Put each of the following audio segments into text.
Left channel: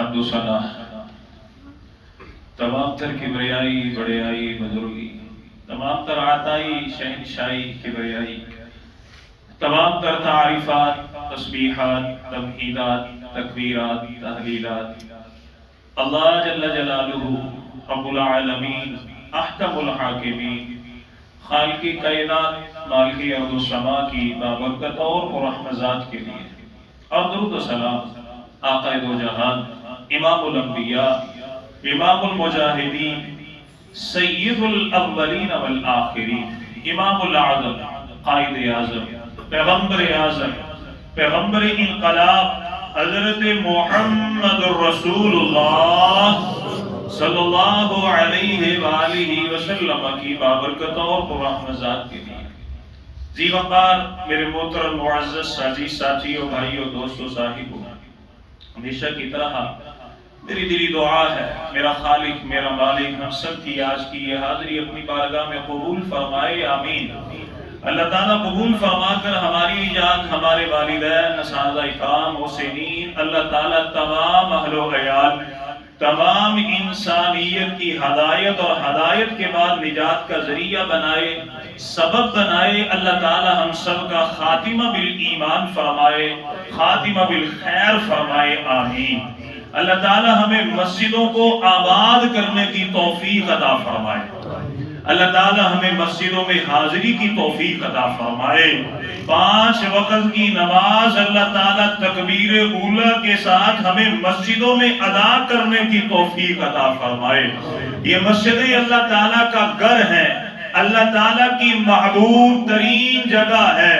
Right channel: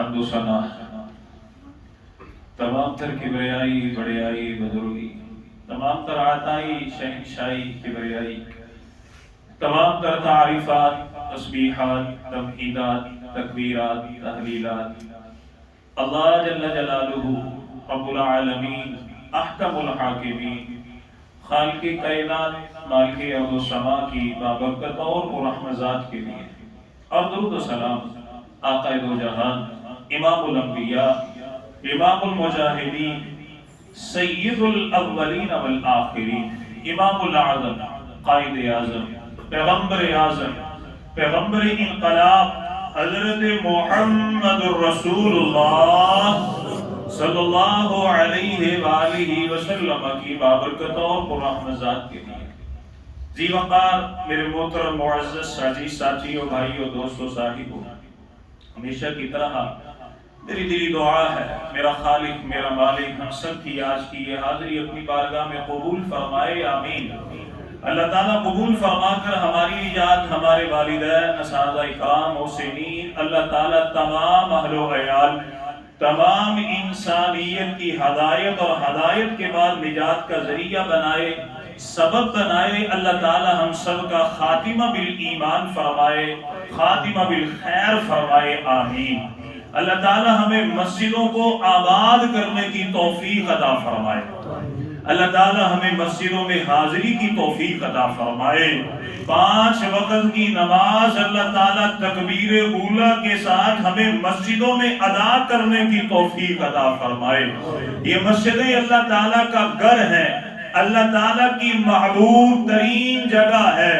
حمد و ثنا تمام تر کبریائی بڑیائی بزرگی، تمام تر عطائی شہنشائی کبریائی، تمام تر تعریفات تسبیحات تمہیدات تکبیرات تحلیلات اللہ جل جلالہ رب العالمین احکم الحاکمین خالق کائنات مالک ارض و سما کی بابرکت اور پررحمت ذات کے لیے، اور درود و سلام آقا دو جہان امام الانبیاء امام المجاہدین سید الاولین والآخرین امام العظم قائد اعظم پیغمبر اعظم پیغمبر انقلاب حضرت محمد الرسول اللہ صلی اللہ علیہ وآلہ وسلم کی بابرکت اور پررحمت ذات کے لیے ذی وقار میرے محترم معزز ساجی ساتھیوں بھائیوں دوستوں صاحبوں، ہمیشہ کی طرح میری دلی دعا ہے میرا خالق میرا مالک ہم سب کی آج کی یہ حاضری اپنی بارگاہ میں قبول فرمائے، آمین۔ اللہ تعالیٰ قبول فرما کر ہماری ایجاد ہمارے والدین اساتذہ اکرام حسینین اللہ تعالیٰ تمام اہل و عیال تمام انسانیت کی ہدایت اور ہدایت کے بعد نجات کا ذریعہ بنائے، سبب بنائے۔ اللہ تعالیٰ ہم سب کا خاتمہ بالایمان فرمائے، خاتمہ بالخیر فرمائے، آمین۔ اللہ تعالیٰ ہمیں مسجدوں کو آباد کرنے کی توفیق عطا فرمائے، اللہ تعالیٰ ہمیں مسجدوں میں حاضری کی توفیق عطا فرمائے، 5 وقت کی نماز اللہ تعالیٰ تکبیر اولیٰ کے ساتھ ہمیں مسجدوں میں ادا کرنے کی توفیق عطا فرمائے۔ یہ مسجدیں اللہ تعالیٰ کا گھر ہے، اللہ تعالیٰ کی محبوب ترین جگہ ہے،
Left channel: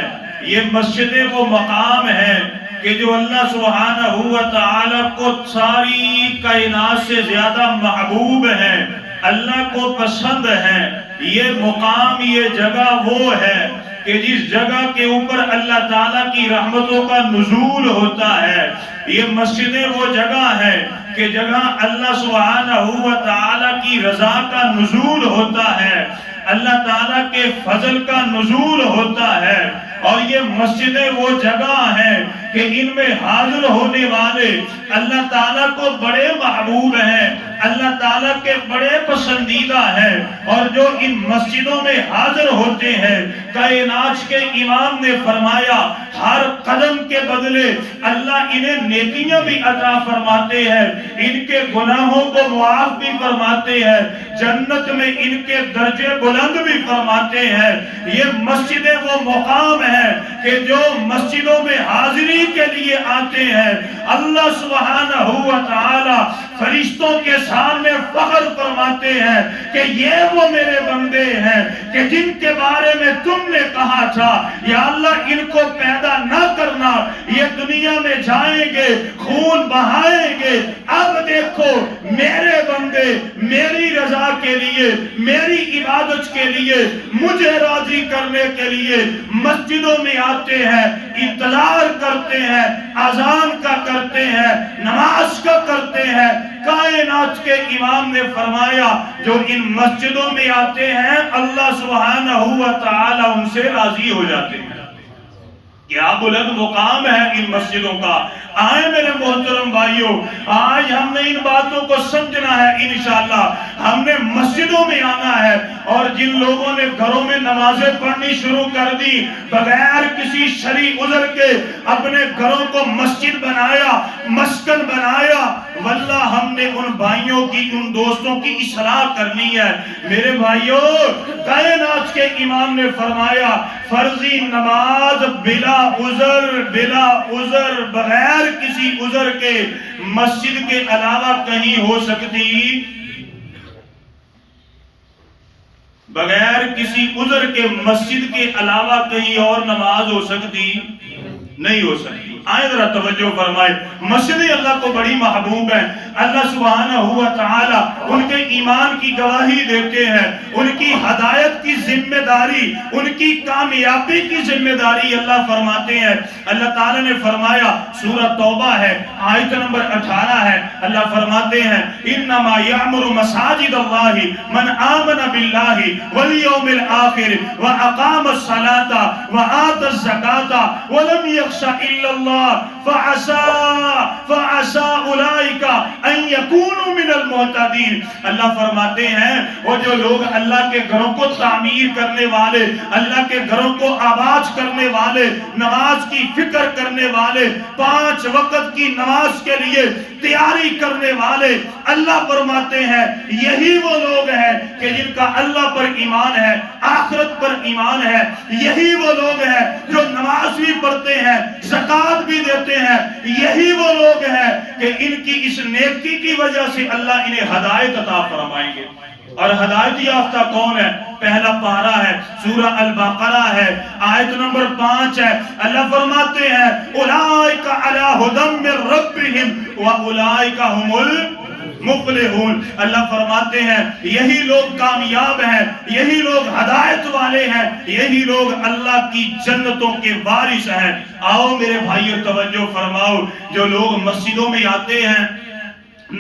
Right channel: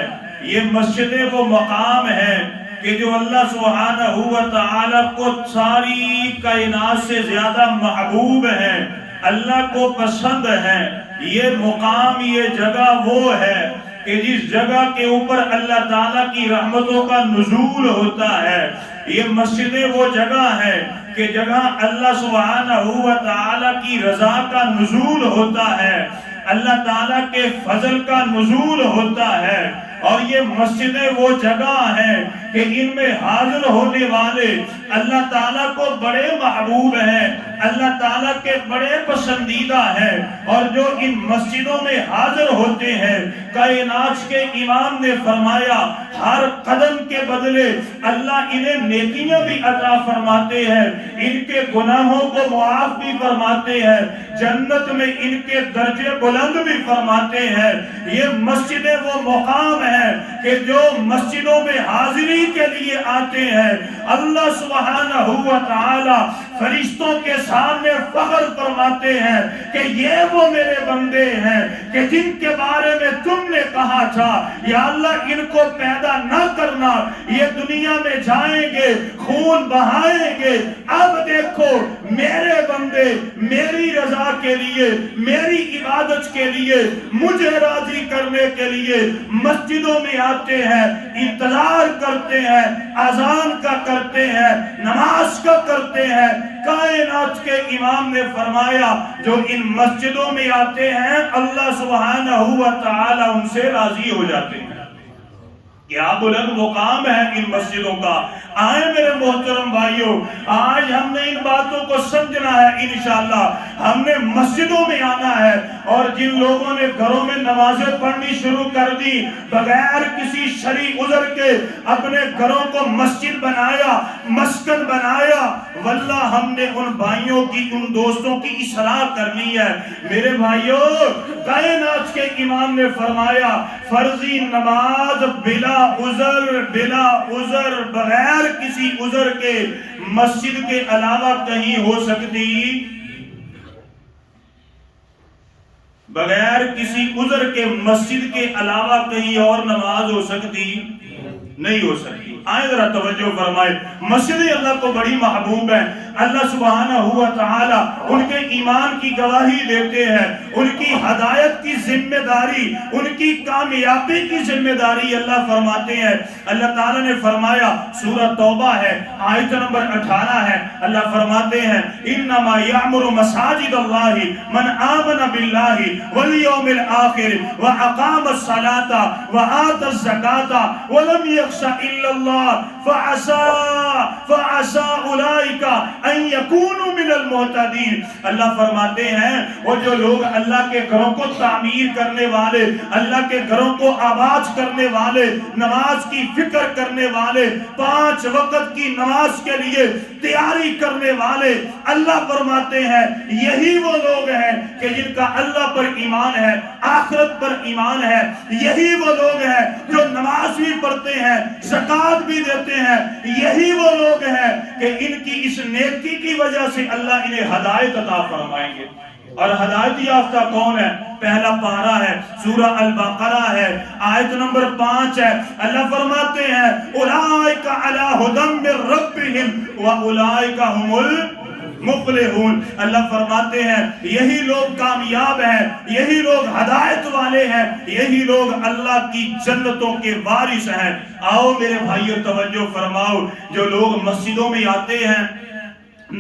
یہ مسجدیں وہ مقام ہے کہ جو اللہ سبحانہ و تعالیٰ کو ساری کائنات سے زیادہ محبوب ہے، اللہ کو پسند ہے۔ یہ مقام یہ جگہ وہ ہے کہ جس جگہ کے اوپر اللہ تعالیٰ کی رحمتوں کا نزول ہوتا ہے۔ یہ مسجدیں وہ جگہ ہے کہ جگہ اللہ سبحانہ و تعالیٰ کی رضا کا نزول ہوتا ہے، اللہ تعالیٰ کے فضل کا نزول ہوتا ہے۔ اور یہ مسجدیں وہ جگہ ہیں کہ ان میں حاضر ہونے والے اللہ تعالیٰ کو بڑے محبوب ہیں، اللہ تعالیٰ کے بڑے پسندیدہ ہیں، اور جو ان مسجدوں میں حاضر ہوتے ہیں کائنات کے امام نے فرمایا ہر قدم کے بدلے اللہ انہیں نیکیاں بھی عطا فرماتے ہیں، ان کے گناہوں کو معاف بھی فرماتے ہیں، جنت میں ان کے درجے بلند بھی فرماتے ہیں۔ یہ مسجدیں وہ مقام ہیں کہ جو مسجدوں میں حاضری کے لیے آتے ہیں اللہ سبحانہ و تعالی فرشتوں کے سامنے فخر فرماتے ہیں کہ یہ وہ میرے بندے ہیں کہ جن کے بارے میں تم نے کہا تھا یا اللہ ان کو پیدا نہ کرنا، یہ دنیا میں جائیں گے خون بہائیں گے، اب دیکھو میرے بندے میری رضا کے لیے میری عبادت کے لیے مجھے راضی کرنے کے لیے مسجدوں میں آتے ہیں، انتظار کرتے ہیں، اذان کا کرتے ہیں، نماز کا کرتے ہیں۔ کائنات کے امام نے فرمایا جو ان مسجدوں میں آتے ہیں اللہ سبحانہ و تعالی ان سے راضی ہو جاتے ہیں۔ کیا بلند مقام ہے ان مسجدوں کا۔ آئے میرے محترم بھائیوں، آج ہم نے ان باتوں کو سمجھنا ہے، انشاءاللہ ہم نے مسجدوں میں آنا ہے، اور جن لوگوں نے گھروں میں نمازیں پڑھنی شروع کر دی بغیر کسی شرعی عذر کے اپنے گھروں کو مسجد بنایا مسکن بنایا، واللہ ہم نے ان بھائیوں کی ان دوستوں کی اصلاح کرنی ہے۔ میرے بھائیوں، کائنات کے امام نے فرمایا فرضی نماز بلا عذر بغیر کسی عذر کے مسجد کے علاوہ کہیں ہو سکتی، بغیر کسی عذر کے مسجد کے علاوہ کہیں اور نماز ہو سکتی نہیں ہو سکتی۔ آئے ذرا توجہ فرمائے، مسجد اللہ کو بڑی محبوب ہے، اللہ سبحانہ و تعالی ان کے ایمان کی گواہی دیتے ہیں، ان کی ہدایت کی ذمہ داری ان کی کامیابی کی ذمہ داری اللہ فرماتے ہیں۔ اللہ تعالی نے فرمایا سورہ توبہ ہے آیت نمبر 18 ہے، اللہ فرماتے ہیں انما یعمر مساجد اللہ من آمن باللہ والیوم الآخر واقام الصلاۃ وآت الزکاۃ ولم یخش الا اللہ اللہ فعسى اولئک ان یکونوا من المہتدین۔ اللہ فرماتے ہیں وہ جو لوگ اللہ کے گھروں کو تعمیر کرنے والے، اللہ کے گھروں کو آباد کرنے والے، نماز کی فکر کرنے والے، 5 وقت کی نماز کے لیے تیاری کرنے والے، اللہ فرماتے ہیں یہی وہ لوگ ہیں کہ جن کا اللہ پر ایمان ہے، آخرت پر ایمان ہے۔ یہی وہ لوگ ہیں جو نماز بھی پڑھتے ہیں، زکوٰۃ بھی دیتے ہیں۔ یہی وہ لوگ ہیں کہ ان کی اس نیکی کی وجہ سے اللہ انہیں ہدایت عطا فرمائیں گے۔ اور ہدایت یافتہ کون ہے؟ پہلا پارہ ہے، سورہ البقرہ ہے، آیت نمبر 5 ہے۔ اللہ فرماتے ہیں اولئک علی ھدی من ربہم واولئک ھم المفلحون۔ اللہ فرماتے ہیں یہی لوگ کامیاب ہیں، یہی لوگ ہدایت والے ہیں، یہی لوگ اللہ کی جنتوں کے وارث ہیں۔ آؤ میرے بھائیو توجہ فرماؤ، جو لوگ مسجدوں میں آتے ہیں،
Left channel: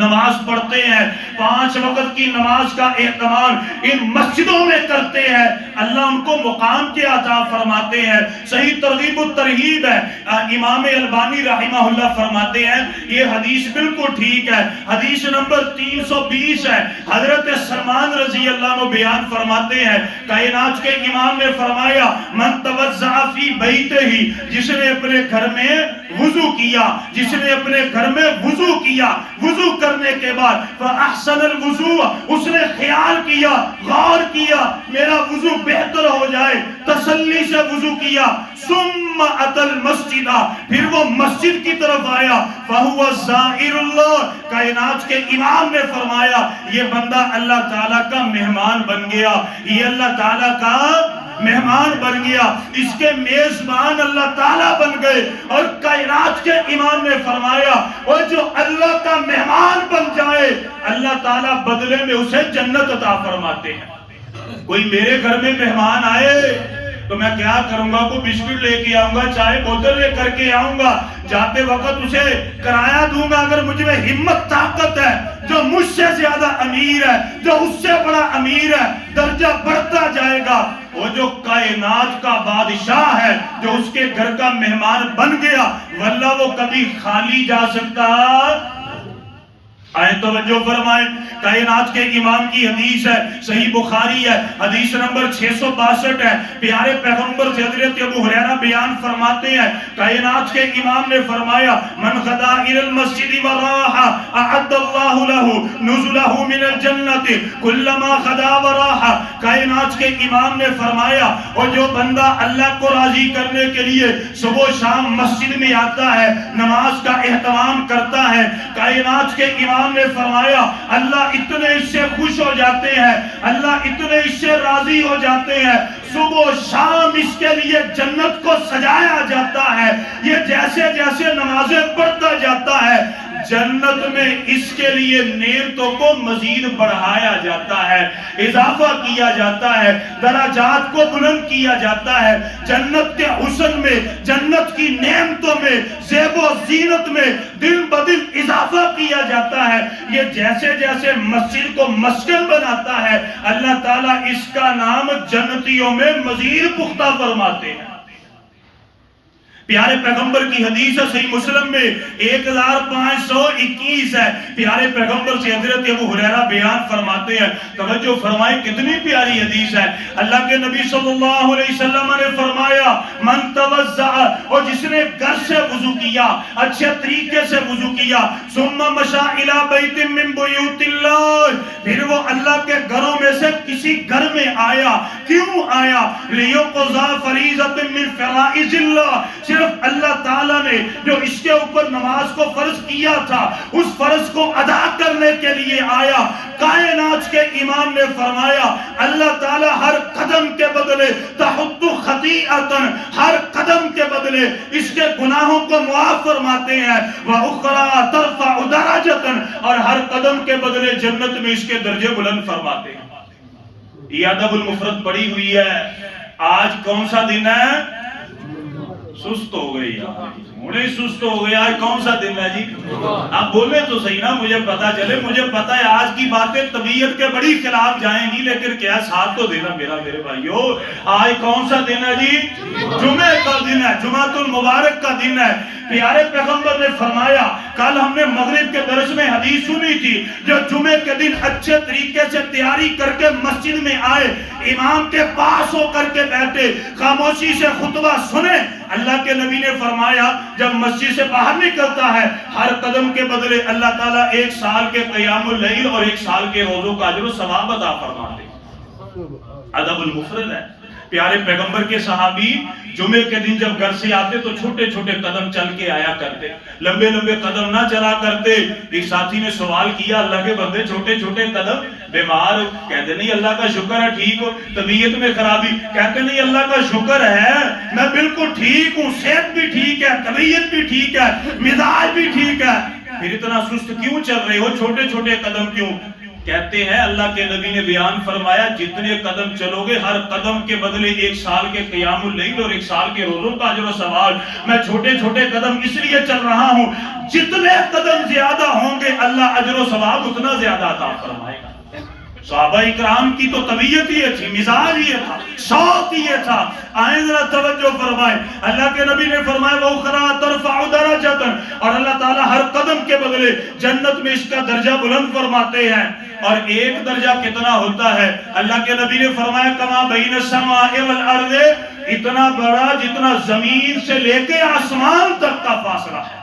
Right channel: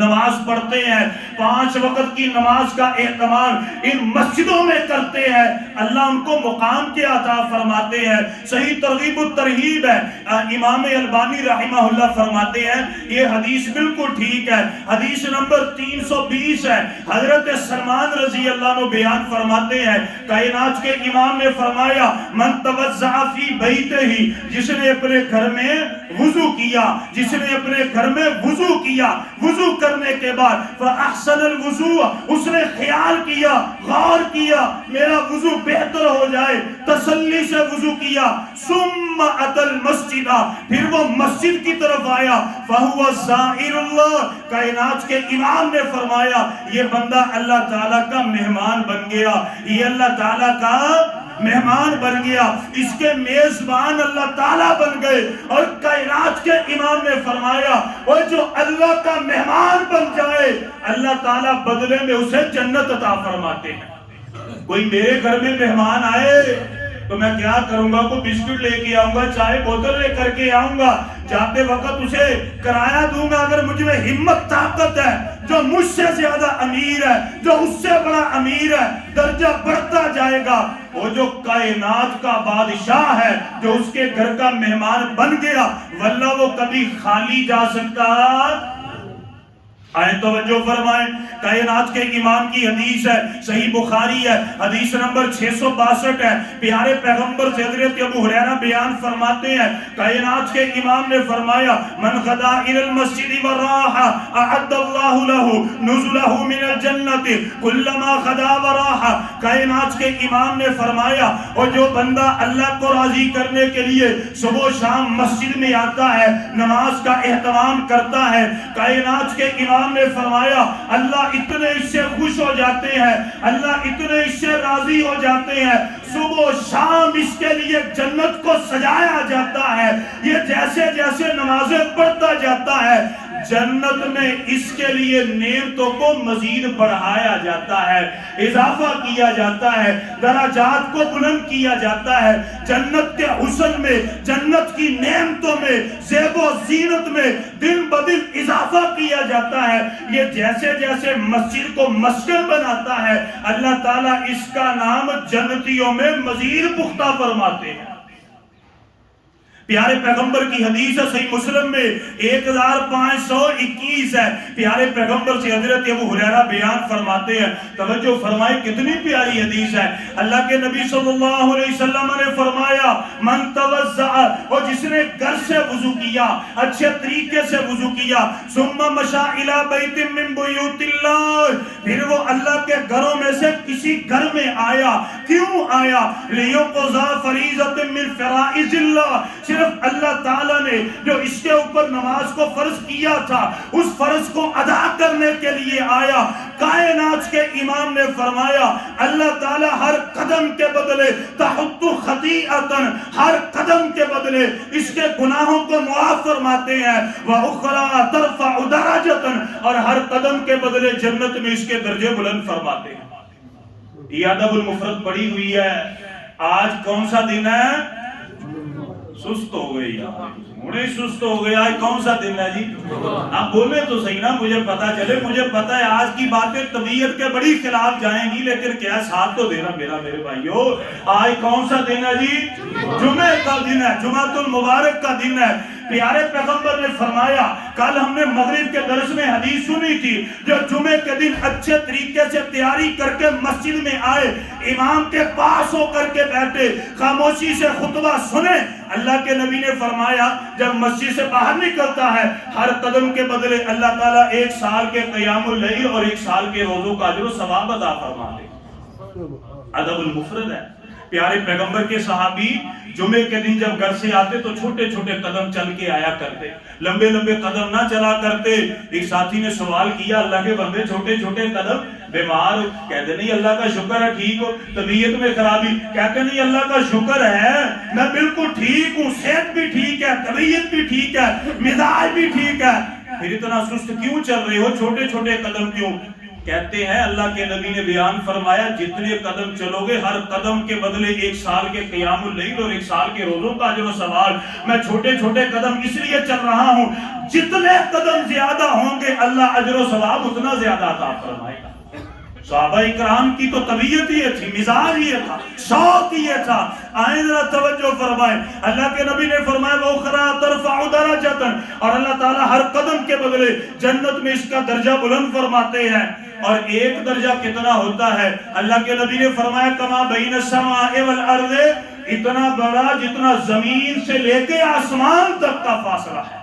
نماز پڑھتے ہیں، 5 وقت کی نماز کا اہتمام ان مسجدوں میں کرتے ہیں، اللہ ان کو مقام کے عطا فرماتے ہیں۔ صحیح ترغیب و ترہیب ہے، امام البانی رحمہ اللہ فرماتے ہیں یہ حدیث بالکل ٹھیک ہے، حدیث نمبر 320 ہے۔ حضرت سلمان رضی اللہ عنہ بیان فرماتے ہیں کائنات کے امام نے فرمایا من توضع فی بیتہ، جس نے اپنے گھر میں وضو کیا، جس نے اپنے گھر میں وضو کیا، وضو کرنے کے بعد فاحسن الوضوء، اس نے خیال کیا، غور کیا میرا وضو بہتر ہو جائے، تسلی سے وضو کیا، ثم اتى المسجد، پھر وہ مسجد کی طرف آیا، فهو زائر اللہ، کائنات کے امام نے فرمایا یہ بندہ اللہ تعالیٰ کا مہمان بن گیا، یہ اللہ تعالیٰ کا مہمان بن گیا، اس کے میزبان اللہ تعالیٰ بن گئے۔ اور کائنات کے امام نے فرمایا وہ جو اللہ کا مہمان بن جائے اللہ تعالیٰ بدلے میں اسے جنت عطا فرماتے ہیں۔ کوئی میرے گھر میں مہمان آئے تو میں کیا کروں گا؟ کوئی بسکٹ لے کے آؤں گا، چائے بوتل لے کر کے آؤں گا، جاتے وقت اسے کرایہ دوں گا اگر مجھ میں ہمت طاقت ہے، جو مجھ سے زیادہ امیر ہے، جو اس سے بڑا امیر ہے، درجہ بڑھتا جائے گا۔ وہ جو کائنات کا بادشاہ ہے جو اس کے گھر کا مہمان بن گیا واللہ وہ کبھی خالی جا سکتا۔ آئے توجہ فرمائیں، کائنات کے امام کی حدیث ہے، صحیح بخاری ہے، حدیث نمبر 662 ہے۔ پیارے پیغمبر سے حضرت ابو ہریرہ بیان فرماتے ہیں کائنات کے امام نے فرمایا من غدا الى المسجد وراح اعد اللہ له نزله من الجنت كلما غدا وراح۔ کائنات کے امام نے فرمایا اور جو بندہ اللہ کو راضی کرنے کے لیے صبح و شام مسجد میں آتا ہے، نماز کا اہتمام کرتا ہے، کائنات کے امام نے فرمایا اللہ اتنے اس سے خوش ہو جاتے ہیں، اللہ اتنے اس سے راضی ہو جاتے ہیں، صبح و شام اس کے لیے جنت کو سجایا جاتا ہے۔ یہ جیسے جیسے نمازیں پڑھتا جاتا ہے جنت میں اس کے لیے نعمتوں کو مزید بڑھایا جاتا ہے، اضافہ کیا جاتا ہے، درجات کو بلند کیا جاتا ہے، جنت کے حسن میں، جنت کی نعمتوں میں، زیب و زینت میں دن بدن اضافہ کیا جاتا ہے۔ یہ جیسے جیسے مسجد کو مسکن بناتا ہے اللہ تعالیٰ اس کا نام جنتیوں میں مزید پختہ فرماتے ہیں۔ پیارے پیغمبر کی حدیث ہے، صحیح مسلم میں 1521 ہے۔ پیارے پیغمبر سے حضرت ابو ہریرہ بیان فرماتے ہیں، توجہ فرمائے کتنی پیاری حدیث ہے۔ اللہ کے نبی صلی اللہ علیہ وسلم نے فرمایا من توضع، اور جس نے گھر سے وضو کیا، اچھے طریقے سے وضو کیا، ثم مشى الى بیت من بیوت اللہ، پھر وہ اللہ کے گھروں میں سے کسی گھر میں آیا، کیوں آیا؟ لیقضى فریضۃ من فرائض اللہ، صرف اللہ تعالیٰ نے جو اس کے اوپر نماز کو فرض کیا تھا اس فرض کو ادا کرنے کے لیے آیا۔ کائنات کے امام نے فرمایا اللہ تعالیٰ ہر قدم کے بدلے تحط خطیئۃ، ہر قدم کے بدلے اس کے گناہوں کو معاف فرماتے ہیں، وَأُخْرَى تَرْفَعُ دَرَجَةً، اور ہر قدم کے بدلے جنت میں اس کے درجے بلند فرماتے ہیں۔ یہ ادب المفرد پڑھی ہوئی ہے۔ آج کون سا دن ہے؟ سست ہو گئی یار، مجھے سست ہو گیا۔ آج کون سا دن ہے جی؟ آپ بولے تو صحیح نا، مجھے پتا چلے۔ مجھے پتا ہے آج کی باتیں طبیعت کے بڑی خلاف جائیں گی، لیکن کیا ساتھ تو دینا میرے بھائیو۔ آج کون سا دن ہے جی؟ جمعے کا دن ہے، جمعۃ المبارک کا دن ہے۔ پیارے پیغمبر نے فرمایا، کل ہم نے مغرب کے درس میں حدیث سنی تھی، جو جمعے کے دن اچھے طریقے سے تیاری کر کے مسجد میں آئے، امام کے پاس ہو کر کے بیٹھے، خاموشی سے خطبہ سنے، اللہ کے نبی نے فرمایا جب مسجد سے باہر نکلتا ہے ہر قدم کے بدلے اللہ تعالیٰ 1 سال کے قیام اللیل اور 1 سال کے روزوں کا اجر و ثواب عطا فرماتے ہیں۔ ادب المفرد ہے۔ پیارے پیغمبر کے صحابی جمعے کے دن جب گھر سے آتے تو چھوٹے چھوٹے قدم چل کے آیا کرتے، لمبے لمبے قدم نہ چلا کرتے۔ ایک ساتھی نے سوال کیا، اللہ کے بندے چھوٹے چھوٹے قدم، بیمار ہو؟ کہتے نہیں اللہ کا شکر ہے ٹھیک ہو۔ طبیعت میں خرابی؟ کہتے نہیں اللہ کا شکر ہے میں بالکل ٹھیک ہوں، صحت بھی ٹھیک ہے، طبیعت بھی ٹھیک ہے، مزاج بھی ٹھیک ہے۔ پھر اتنا سست کیوں چل رہے ہو، چھوٹے چھوٹے قدم کیوں؟ کہتے ہیں اللہ کے نبی نے بیان فرمایا جتنے قدم چلو گے ہر قدم کے بدلے 1 سال کے قیام اللیل اور 1 سال کے روزوں کا اجر و ثواب۔ میں چھوٹے چھوٹے قدم اس لیے چل رہا ہوں، جتنے قدم زیادہ ہوں گے اللہ اجر و ثواب اتنا زیادہ عطا فرمائے گا۔ صحابہ اکرام کی تو طبیعت یہ تھی، مزاج یہ تھا، شوق یہ تھا۔ آئیں ذرا توجہ فرمائیں، اللہ کے نبی نے فرمایا وَأُخْرَىٰ تَرْفَعُ دَرَجَةً، اور اللہ تعالیٰ ہر قدم کے بدلے جنت میں اس کا درجہ بلند فرماتے ہیں۔ اور ایک درجہ کتنا ہوتا ہے؟ اللہ کے نبی نے فرمایا کما بین السماء والارض، اتنا بڑا جتنا زمین سے لے کے آسمان تک کا فاصلہ ہے۔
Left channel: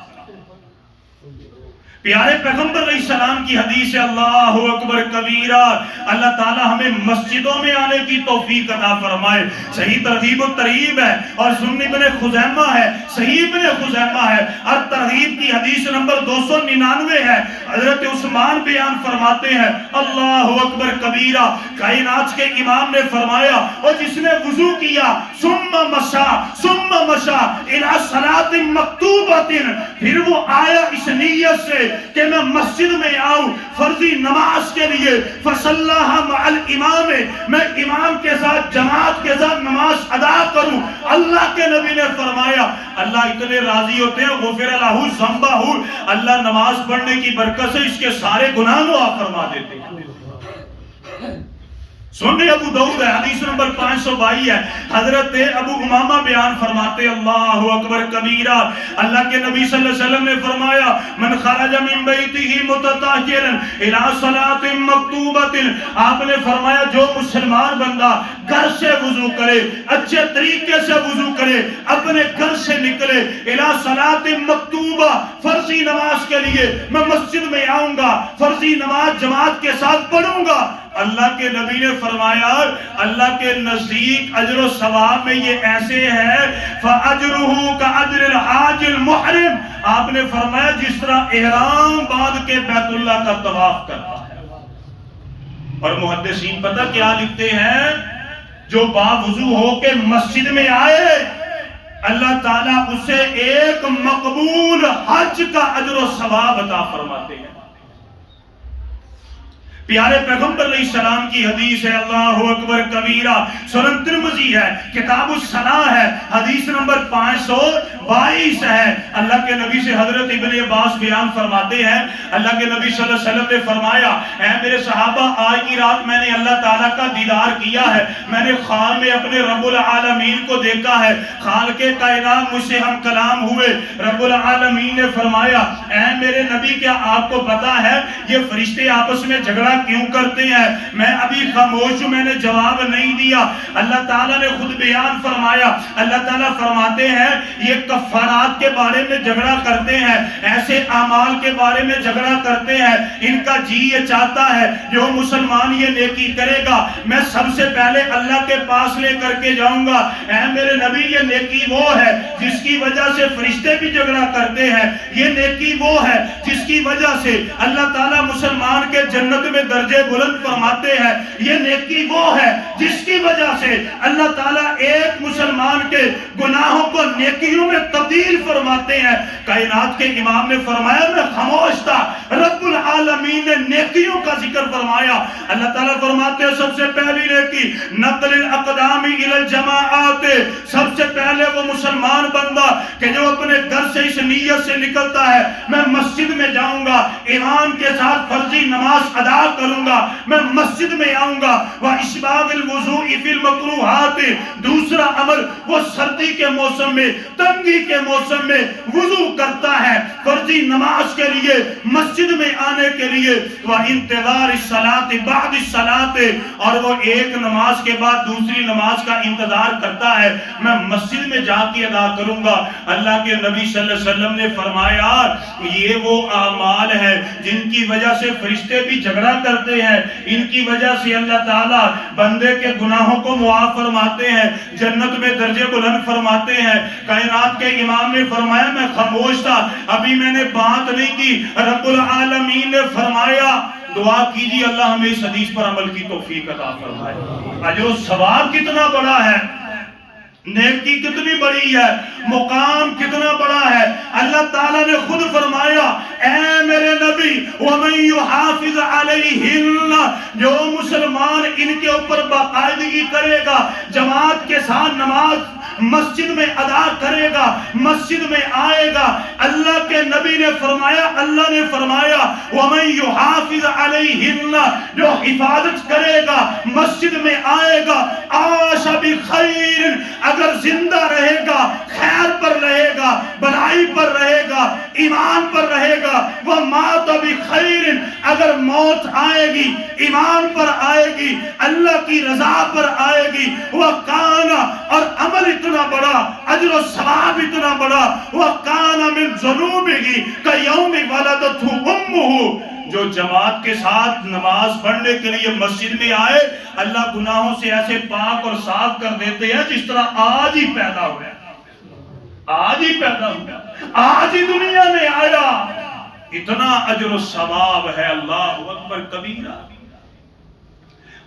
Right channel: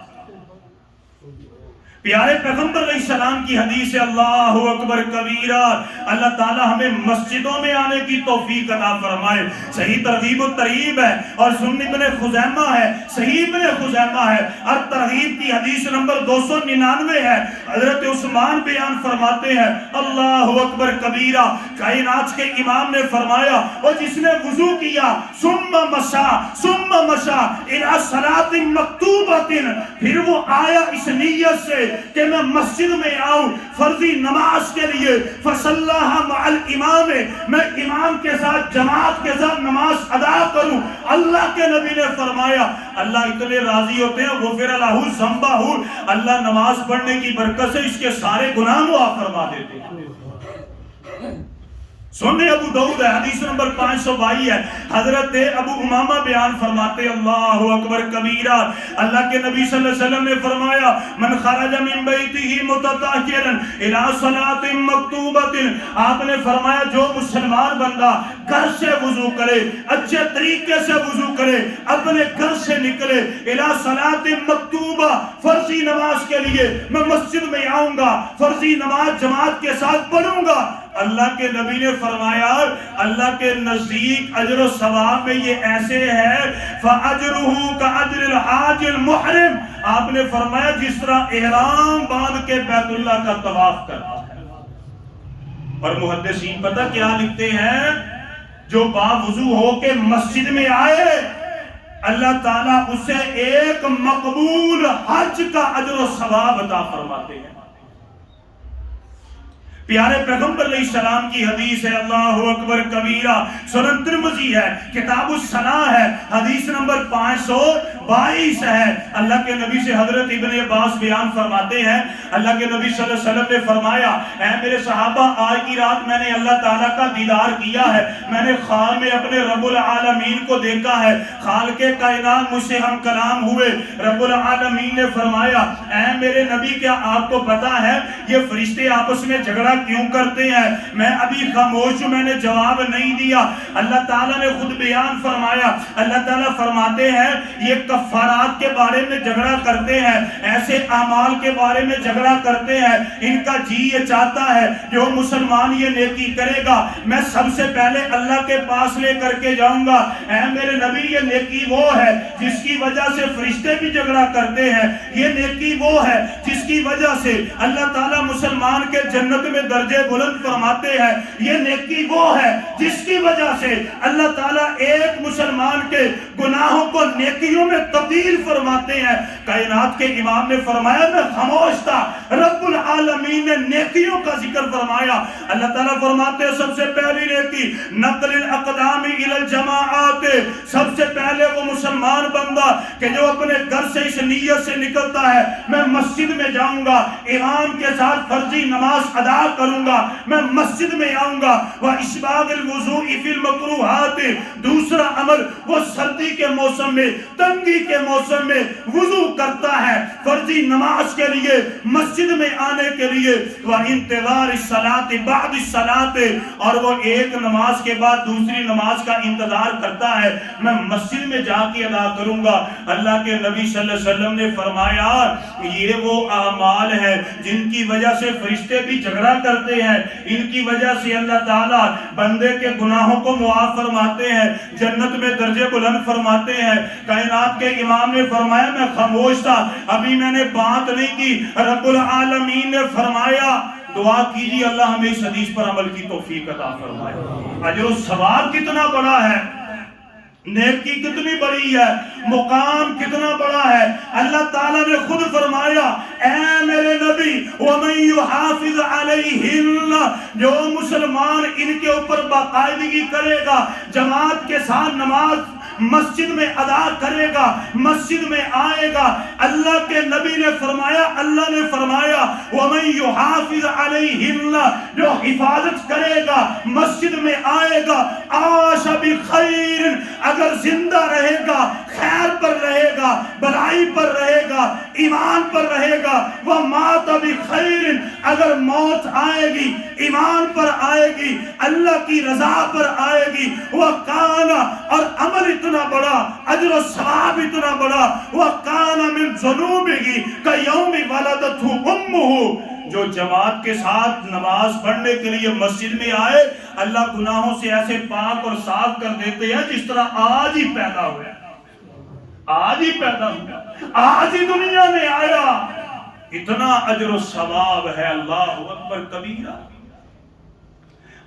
پیارے پیغمبر علیہ السلام کی حدیث ہے، اللہ اکبر کبیرہ، اللہ تعالی ہمیں مسجدوں میں آنے کی توفیق عطا فرمائے۔ صحیح ترغیب الترہیب ہے اور سنن ابن خزیمہ ہے، صحیح ابن خزیمہ ہے، اور ترغیب کی حدیث نمبر 299 ہے۔ حضرت عثمان بیان فرماتے ہیں اللہ اکبر کبیرہ، کائنات کے امام نے فرمایا اور جس نے وضو کیا ثم مشا الی صلاۃ مکتوبۃ، پھر وہ آیا اس نیت سے کہ میں مسجد میں آؤں فرضی نماز کے لیے، فصلاها مع الامام، میں امام کے ساتھ جماعت کے ساتھ نماز ادا کروں، اللہ کے نبی نے فرمایا اللہ اتنے راضی ہوتے ہیں غفر لہ ذنبہ، اللہ نماز پڑھنے کی برکت سے اس کے سارے گناہ معاف فرما دیتے ہیں۔ سننے ابو داؤد ہے، حدیث نمبر 522 ہے، حضرت ابو امامہ بیان فرماتے اللہ اکبر کبیرہ، اللہ کے نبی صلی اللہ علیہ وسلم نے فرمایا من خرج من بیتہ متطہرا الی صلاۃ مکتوبۃ، آپ نے فرمایا جو مسلمان بندہ گھر سے وضو کرے، اچھے طریقے سے وضو کرے، اپنے گھر سے نکلے الی صلاۃ مکتوبہ، فرضی نماز کے لیے میں مسجد میں آؤں گا، فرضی نماز جماعت کے ساتھ پڑھوں گا، اللہ کے نبی نے فرمایا اللہ کے نزدیک اجر و ثواب میں یہ ایسے ہے فَأَجْرُهُ كَأَجْرِ الْحَاجِ الْمُحْرِمِ، آپ نے فرمایا جس طرح احرام باندھ کے بیت اللہ کا طواف کرتا ہے۔ اور محدثین پتہ کیا لکھتے ہیں؟ جو باوضو ہو کے مسجد میں آئے اللہ تعالیٰ اسے ایک مقبول حج کا اجر و ثواب عطا فرماتے ہیں۔ پیارے پیغمبر علیہ السلام کی حدیث ہے اللہ اکبر کبیرہ، سنن ترمذی ہے، کتاب الصلاۃ ہے، حدیث نمبر 522 ہے۔ اللہ کے نبی سے حضرت ابن عباس بیان فرماتے ہیں اللہ کے نبی صلی اللہ علیہ وسلم نے فرمایا اے میرے صحابہ آج کی رات میں نے اللہ تعالیٰ کا دیدار کیا ہے، میں نے خواب میں اپنے رب العالمین کو دیکھا ہے، خالق کائنات مجھ سے ہم کلام ہوئے، رب العالمین نے فرمایا اے میرے نبی کیا آپ کو پتا ہے یہ فرشتے آپس میں جھگڑا کیوں کرتے ہیں؟ میں ابھی خاموش ہوں، میں نے جواب نہیں دیا۔ اللہ تعالیٰ نے خود بیان فرمایا، اللہ تعالیٰ فرماتے ہیں یہ کفارات کے بارے میں جھگڑا کرتے ہیں، ایسے اعمال کے بارے میں جھگڑا کرتے ہیں، ان کا جی یہ چاہتا ہے جو مسلمان یہ نیکی کرے گا میں سب سے پہلے اللہ کے پاس لے کر کے جاؤں گا۔ اے میرے نبی یہ نیکی وہ ہے جس کی وجہ سے فرشتے بھی جھگڑا کرتے ہیں، یہ نیکی وہ ہے جس کی وجہ سے اللہ تعالیٰ مسلمان کے جنت میں درجے بلند فرماتے ہیں، یہ نیکی وہ ہے جس کی وجہ سے اللہ تعالیٰ ایک مسلمان کے گناہوں کو نیکیوں میں تبدیل فرماتے ہیں۔ کائنات کے امام نے فرمایا میں خاموش تھا، رب العالمین نے نیکیوں کا ذکر فرمایا۔ اللہ تعالیٰ فرماتے ہیں سب سے پہلی نیکی نقل الاقدام الی الجماعات، سب سے پہلے وہ مسلمان بندہ کہ جو اپنے گھر سے اس نیت سے نکلتا ہے میں مسجد میں جاؤں گا، امام کے ساتھ فرضی نماز ادا کروں گا، میں مسجد میں آؤں گا۔ وَإِسْبَاغِ الْوُضُوءِ فِي الْمَكْرُوهَاتِ، دوسرا عمل وہ سردی کے موسم میں، تنگی کے موسم میں وضو کرتا ہے فرضی نماز کے لیے، مسجد میں آنے کے لیے۔ وَإِنْتِظَارِ الصَّلَاةِ بَعْدِ الصَّلَاةِ، اور وہ ایک نماز کے بعد دوسری نماز کا انتظار کرتا ہے، میں مسجد میں جا کے ادا کروں گا۔ اللہ کے نبی صلی اللہ علیہ وسلم نے فرمایا یہ وہ اعمال ہے جن کی وجہ سے فرشتے بھی جھگڑا کرتے ہیں، ان کی وجہ سے اللہ تعالیٰ بندے کے گناہوں کو معاف فرماتے ہیں، جنت میں درجے بلند فرماتے ہیں۔ کائنات کے امام نے فرمایا میں خاموش تھا، ابھی میں نے بات نہیں کی، رب العالمین نے فرمایا دعا کیجیے اللہ ہمیں اس حدیث پر عمل کی توفیق عطا فرمائے۔ اجر و ثواب کتنا بڑا ہے، نیکی کتنی بڑی ہے، مقام کتنا بڑا ہے۔ اللہ تعالیٰ نے خود فرمایا اے میرے نبی وَمَن يُحَافِظْ عَلَيْهِنَّ، جو مسلمان ان کے اوپر باقاعدگی کرے گا، جماعت کے ساتھ نماز مسجد میں ادا کرے گا، مسجد میں آئے گا، اللہ کے نبی نے فرمایا، اللہ نے فرمایا وَمَن يُحَافِظْ عَلَيْهِنَّ، جو حفاظت کرے گا، مسجد میں آئے گا، عَاشَ بِخَيْرٍ، اگر زندہ رہے گا خیر پر رہے گا، بھلائی پر رہے گا، ایمان پر رہے گا، وَمَاتَ بِخَيْرٍ، اگر موت آئے گی ایمان پر آئے گی، اللہ کی رضا پر آئے گی، وَقَانَ، اور عمل اتنا بڑا، اجر و ثواب اتنا بڑا، وَقَانَ مِن ذُنُوبِهِ كَيَوْمِ وَلَدَتْهُ أُمُّهُ، جو جماعت کے ساتھ نماز پڑھنے کے لیے مسجد میں آئے، اللہ گناہوں سے ایسے پاک اور صاف کر دیتے ہیں جس طرح آج ہی پیدا ہوا، آج ہی پیدا ہوا، آج ہی دنیا میں آیا۔ اتنا اجر و ثواب ہے، اللہ اکبر کبیرہ۔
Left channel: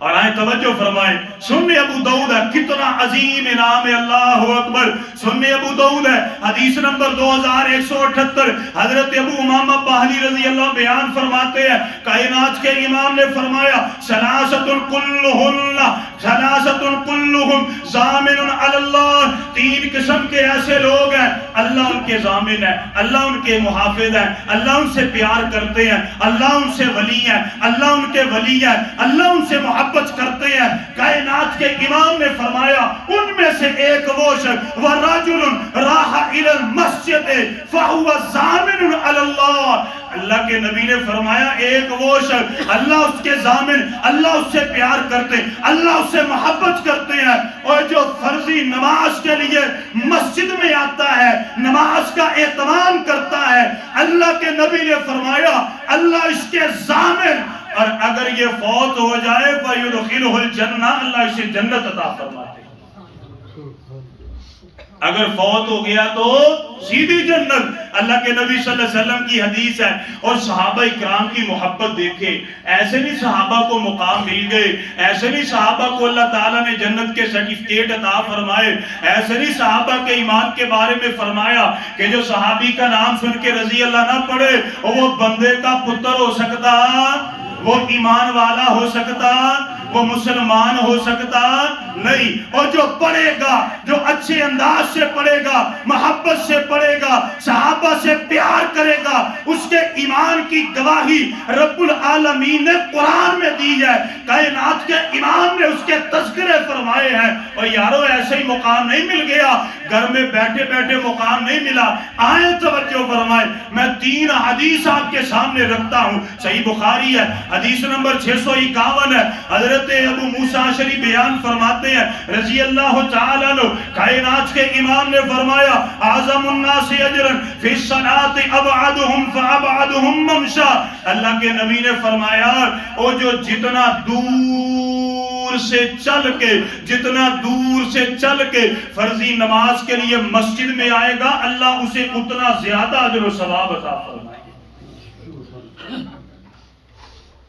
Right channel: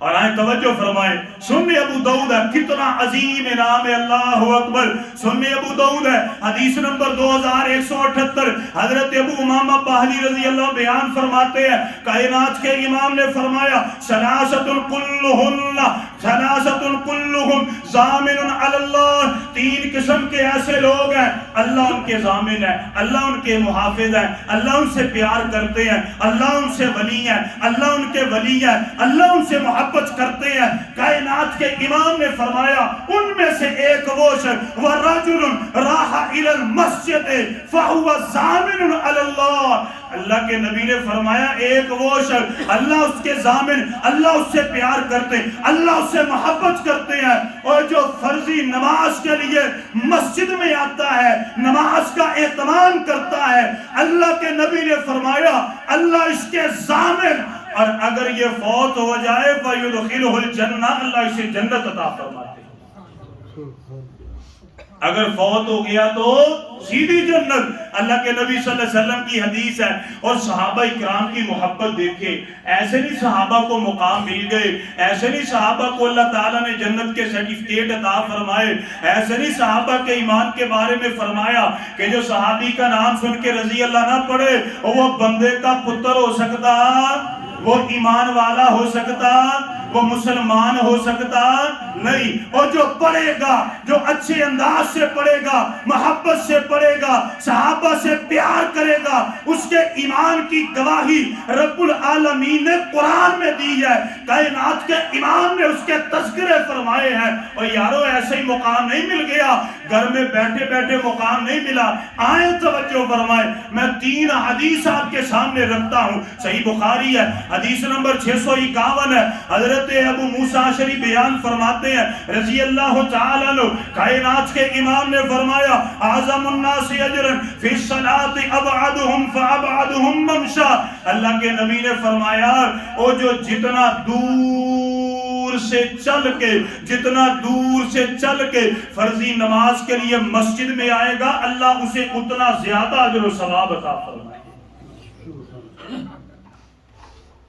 اور آئیں توجہ فرمائیں، سنن ابو داؤد ہے، کتنا عظیم انعام ہے، اللہ اکبر۔ سنن ابو داؤد ہے، حدیث نمبر 2178، حضرت ابو امامہ باہلی رضی اللہ بیان فرماتے ہیں، کائنات کے امام نے فرمایا ثلاثۃ کلہم ضامن علی اللہ، تین قسم کے ایسے لوگ ہیں اللہ ان کے ضامن ہے، اللہ ان کے محافظ ہے، اللہ ان سے پیار کرتے ہیں، اللہ ان سے ولی ہے، اللہ ان کے ولی ہے، اللہ ان سے محبت کرتے ہیں۔ کائنات کے امام نے فرمایا ان میں سے ایک وہ شخص وَرَجُلٌ رَاحَ إِلَى الْمَسْجِدِ فَهُوَ ضَامِنٌ عَلَى اللَّهِ، اللہ کے نبی نے فرمایا ایک وہ شخص اللہ اس کے ضامن، اللہ اس سے پیار کرتے، اللہ اس سے محبت کرتے ہیں، اور جو فرضی نماز کے لیے مسجد میں آتا ہے، نماز کا اہتمام کرتا ہے، اللہ کے نبی نے فرمایا اللہ اس کے ضامن، اور اگر یہ فوت ہو جائے فَيُدْخِلُهُ الْجَنَّةَ، اللہ اسے جنت عطا فرماتے ہیں۔ اگر فوت ہو گیا تو سیدھی جنت، اللہ کے نبی صلی اللہ علیہ وسلم کی حدیث ہے۔ اور صحابہ اکرام کی محبت دیکھے، ایسے نہیں صحابہ کو مقام مل گئے، ایسے نہیں صحابہ کو اللہ تعالیٰ نے جنت کے سرٹیفکیٹ عطا فرمائے، ایسے نہیں صحابہ کے ایمان کے بارے میں فرمایا کہ جو صحابی کا نام سن کے رضی اللہ نہ پڑھے وہ بندے کا پتر ہو سکتا، وہ ایمان والا ہو سکتا، وہ مسلمان ہو سکتا نہیں۔ اور جو پڑھے گا، جو اچھے انداز سے پڑھے گا، محبت سے پڑھے گا، صحابہ سے پیار کرے گا، اس کے ایمان کی گواہی رب العالمین نے قرآن میں دی ہے، کائنات کے امام نے اس کے تذکرے فرمائے ہیں۔ اور یارو ایسے ہی مقام نہیں مل گیا، گھر میں بیٹھے بیٹھے مقام نہیں ملا۔ آئیں توجہ فرمائیں، میں 3 حدیث آپ کے سامنے رکھتا ہوں، صحیح بخاری ہے، حدیث نمبر 651 ہے، حضرت ابو موسیٰ اشعری بیان فرماتے ہیں رضی اللہ تعالیٰ عنہ، کائنات کے امام نے فرمایا اعظم الناس اجرا فی الصلاة ابعدهم فابعدهم ممشا، اللہ کے نبی نے فرمایا او جو جتنا دور سے چل کے فرضی نماز کے لیے مسجد میں آئے گا، اللہ اسے اتنا زیادہ اجر و ثواب عطا فرمائے۔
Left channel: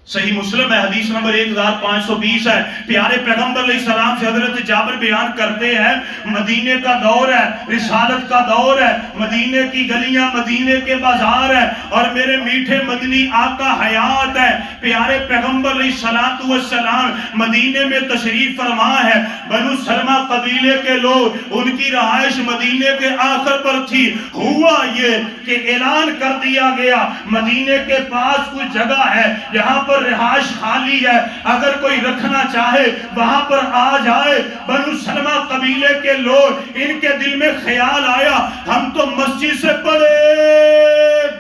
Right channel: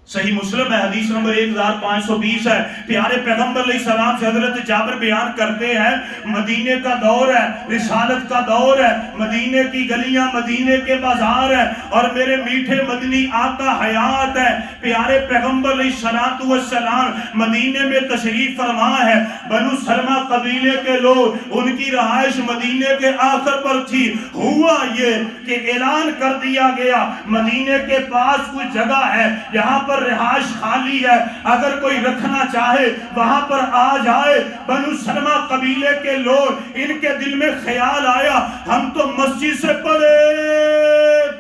صحیح مسلم ہے، حدیث نمبر 1520 ہے، پیارے پیغمبر علیہ السلام سے حضرت جابر بیان کرتے ہیں مدینے کا دور ہے، رسالت کا دور ہے، مدینے کی گلیاں، مدینے کے بازار ہیں، اور میرے میٹھے مدنی آقا حیات ہے، پیارے پیغمبر علیہ السلام مدینے میں تشریف فرما ہے۔ بنو سلمہ قبیلے کے لوگ، ان کی رہائش مدینے کے آخر پر تھی۔ ہوا یہ کہ اعلان کر دیا گیا مدینے کے پاس کوئی جگہ ہے جہاں پر پر رہائش خالی ہے، اگر کوئی رکھنا چاہے وہاں پر آ جائے۔ بنو سلمہ قبیلے کے لوگ، ان کے دل میں خیال آیا ہم تو مسجد سے بڑے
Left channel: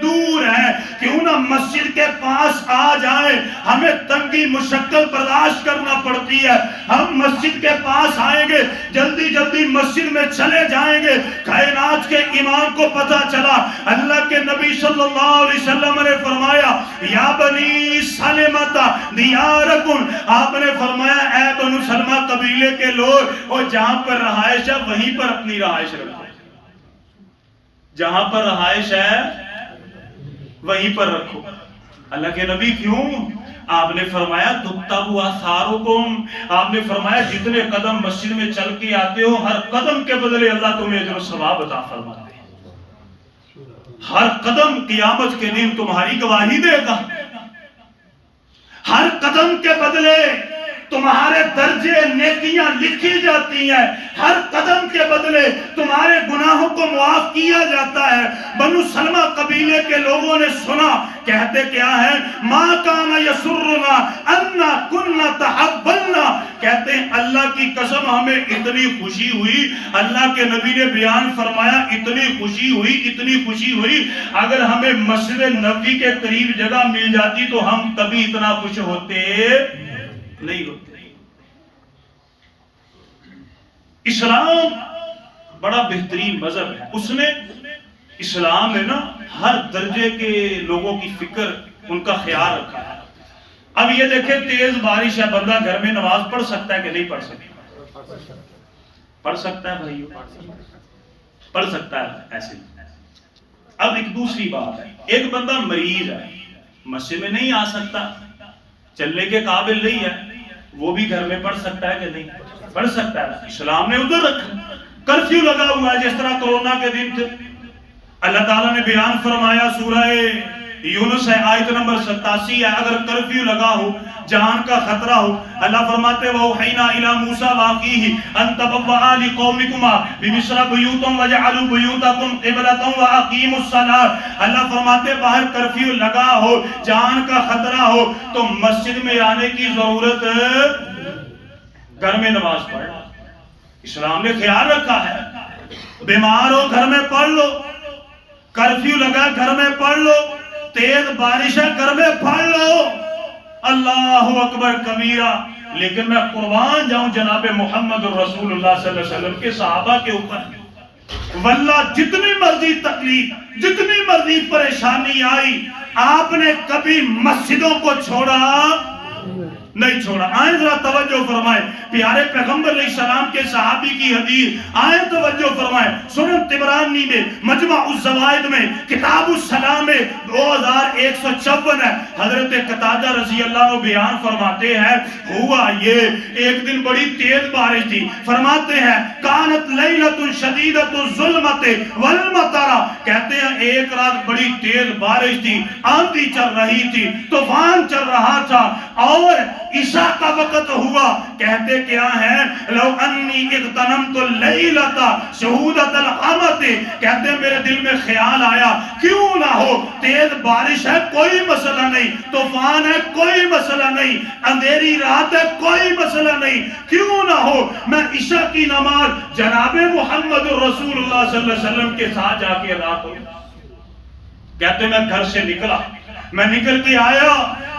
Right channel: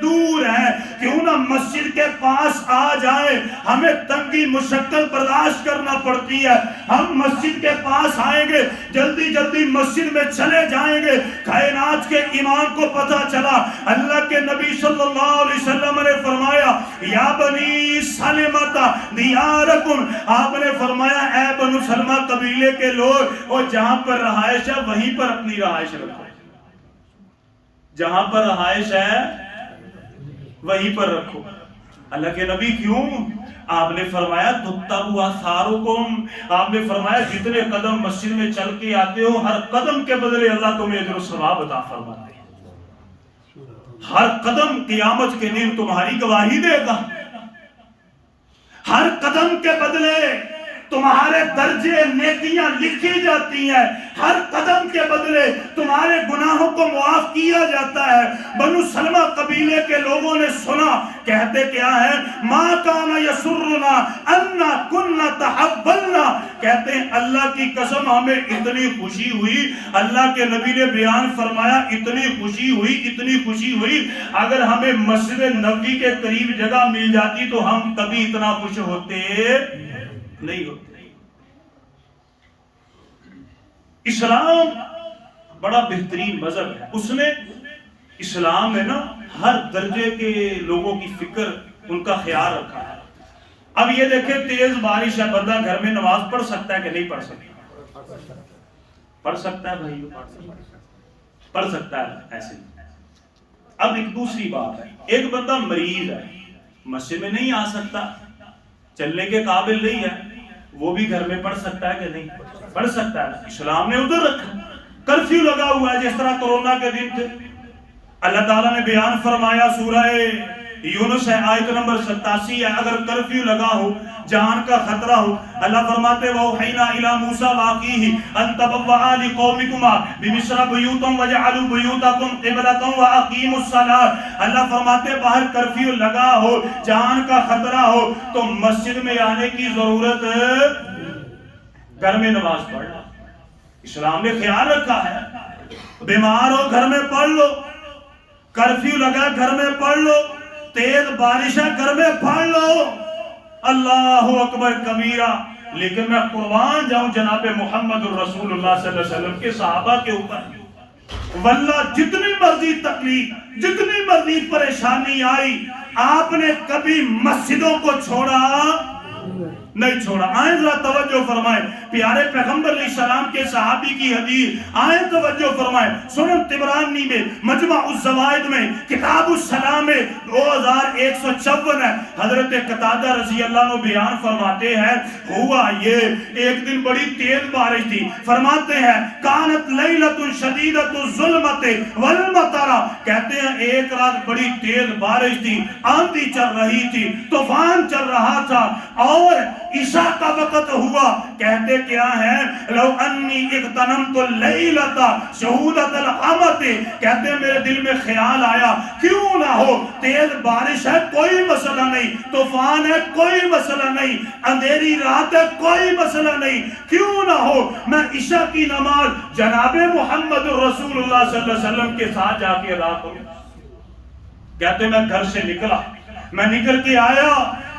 دور ہیں، کیوں نہ مسجد کے پاس آ جائیں، ہمیں تنگی مشقت برداشت کرنا پڑتی ہے، ہم مسجد کے پاس آئیں گے، جلدی جلدی مسجد میں چلے جائیں گے۔ کائنات کے امام کو پتہ چلا، اللہ کے نبی صلی اللہ علیہ وسلم نے فرمایا یا بنی سلمہ دیارکم، آپ نے فرمایا اے بنو سلمہ قبیلے کے لوگ، اور جہاں پر رہائش ہے وہیں پر اپنی رہائش رکھو، جہاں پر رہائش ہے وہیں پر رکھو۔ اللہ کے نبی کیوں؟ آپ نے فرمایا تُتَّبُ آثَارُکُم، آپ نے فرمایا جتنے قدم مسجد میں چل کے آتے ہو، ہر قدم کے بدلے اللہ تمہیں اجر و ثواب عطا فرماتے ہیں، ہر قدم قیامت کے دن تمہاری گواہی دے گا، ہر قدم کے بدلے تمہارے درجے نیکیاں لکھی جاتی ہیں، ہر قدم کے بدلے تمہارے گناہوں کو معاف کیا جاتا ہے۔ بنو سلمہ قبیلے کے لوگوں نے سنا، کہتے کیا ہے ما کان یسرنا انا کنا تحولنا، کہتے ہیں اللہ کی قسم ہمیں اتنی خوشی ہوئی، اللہ کے نبی نے بیان فرمایا اتنی خوشی ہوئی، اتنی خوشی ہوئی، اگر ہمیں مسجد نبوی کے قریب جگہ مل جاتی تو ہم کبھی اتنا خوش ہوتے نہیں ہوتے۔ اسلام بڑا بہترین مذہب ہے، اس نے اسلام میں نا ہر درجے کے لوگوں کی فکر، ان کا خیال رکھا ہے۔ اب یہ دیکھیں تیز بارش ہے، بندہ گھر میں نماز پڑھ سکتا ہے کہ نہیں پڑھ سکتا؟ پڑھ سکتا ہے بھائیو، پڑھ سکتا ہے ایسے۔ اب ایک دوسری بات ہے، ایک بندہ مریض ہے، مسجد میں نہیں آ سکتا، چلنے کے قابل نہیں ہے، وہ بھی گھر میں پڑھ سکتا ہے کہ نہیں؟ پڑھ سکتا ہے۔ اسلام نے ادھر رکھا، کرفیو لگا ہوا ہے جس طرح کورونا کے دن تھے، اللہ تعالیٰ نے بیان فرمایا سورہ یونس ہے آیت نمبر 87 ہے، اگر کرفیو لگا ہو، جان کا خطرہ ہو، اللہ فرماتے وَأَوْحَيْنَا إِلَى مُوسَىٰ وَأَخِيهِ أَن تَبَوَّآ لِقَوْمِكُمَا بِمِصْرَ بُيُوتًا وَاجْعَلُوا بُيُوتَكُمْ قِبْلَةً وَأَقِيمُوا الصَّلَاةَ، اللہ فرماتے باہر کرفیو لگا ہو، جان کا خطرہ ہو تو مسجد میں آنے کی ضرورت، گھر میں نماز پڑھ لو۔ اسلام نے خیال رکھا ہے، بیمار ہو گھر میں پڑھ لو، کرفیو لگا گھر میں پڑھ لو، تیز بارش ہے گھر میں پڑھ لو، اللہ اکبر کبیرہ۔ لیکن میں قربان جاؤں جناب محمد الرسول اللہ صلی اللہ علیہ وسلم کے صحابہ کے اوپر، واللہ جتنی مرضی تکلیف، جتنی مرضی پریشانی آئی، آپ نے کبھی مسجدوں کو چھوڑا نہیں چھوڑا۔ آئیں ذرا توجہ فرمائیں، پیارے پیغمبر علیہ السلام کے صحابی کی حدیث، آئیں توجہ فرمائیں، سنن طبرانی میں، مجمع الزوائد میں، کتاب السلام میں 2154 ہے۔ حضرت قتادہ رضی اللہ عنہ بیان فرماتے ہیں ہوا یہ ایک دن بڑی تیز بارش تھی، فرماتے ہیں کانت لیلۃ شدیدۃ الظلمۃ والمطر، کہتے ہیں ایک رات بڑی تیز بارش تھی، آندھی چل رہی تھی، طوفان چل رہا تھا، اور عشاء کا وقت ہوا، کہتے کیا ہے لو انی اغتنمت اللیلۃ شہودۃ القمۃ، کہتے ہیں میرے دل میں خیال آیا کیوں نہ ہو، تیز بارش ہے کوئی مسئلہ نہیں، طوفان ہے کوئی مسئلہ نہیں، اندھیری رات ہے کوئی مسئلہ نہیں، کیوں نہ ہو میں عشاء کی نماز جناب محمد رسول اللہ صلی اللہ علیہ وسلم کے ساتھ جا کے ادا کروں۔ کہتے میں گھر سے نکلا، میں نکل کے آیا،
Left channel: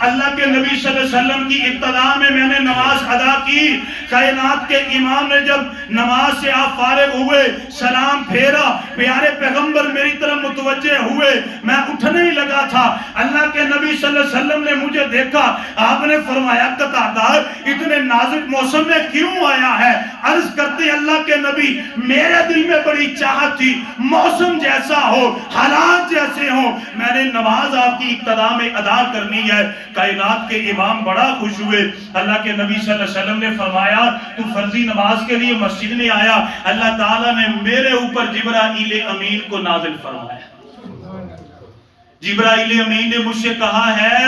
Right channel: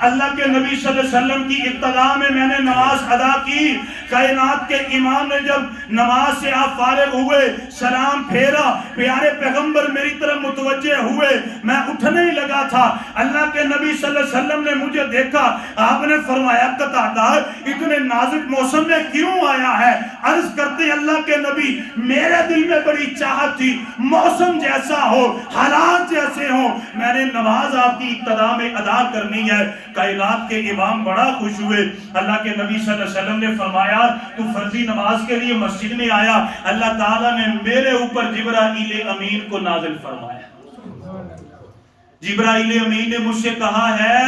اللہ کے نبی صلی اللہ علیہ وسلم کی ابتدا میں نے نماز ادا کی، کائنات کے امام نے جب نماز سے آپ فارغ ہوئے، سلام پھیرا، پیارے پیغمبر میری طرف متوجہ ہوئے، میں اٹھنے ہی لگا تھا، اللہ کے نبی صلی اللہ علیہ وسلم نے مجھے دیکھا، آپ نے فرمایا قتادہ اتنے نازک موسم میں کیوں آیا ہے؟ عرض کرتے اللہ کے نبی میرے دل میں بڑی چاہت تھی، موسم جیسا ہو، حالات جیسے ہوں، میں نے نماز آپ کی ابتدا میں ادا کرنی ہے۔ کائنات کے امام بڑا خوش ہوئے، اللہ کے نبی صلی اللہ علیہ وسلم نے فرمایا تو فرضی نماز کے لیے مسجد میں آیا، اللہ تعالیٰ نے میرے اوپر جبرائیل امین کو نازل فرمایا۔ جبرائیل امین نے مجھ سے کہا ہے،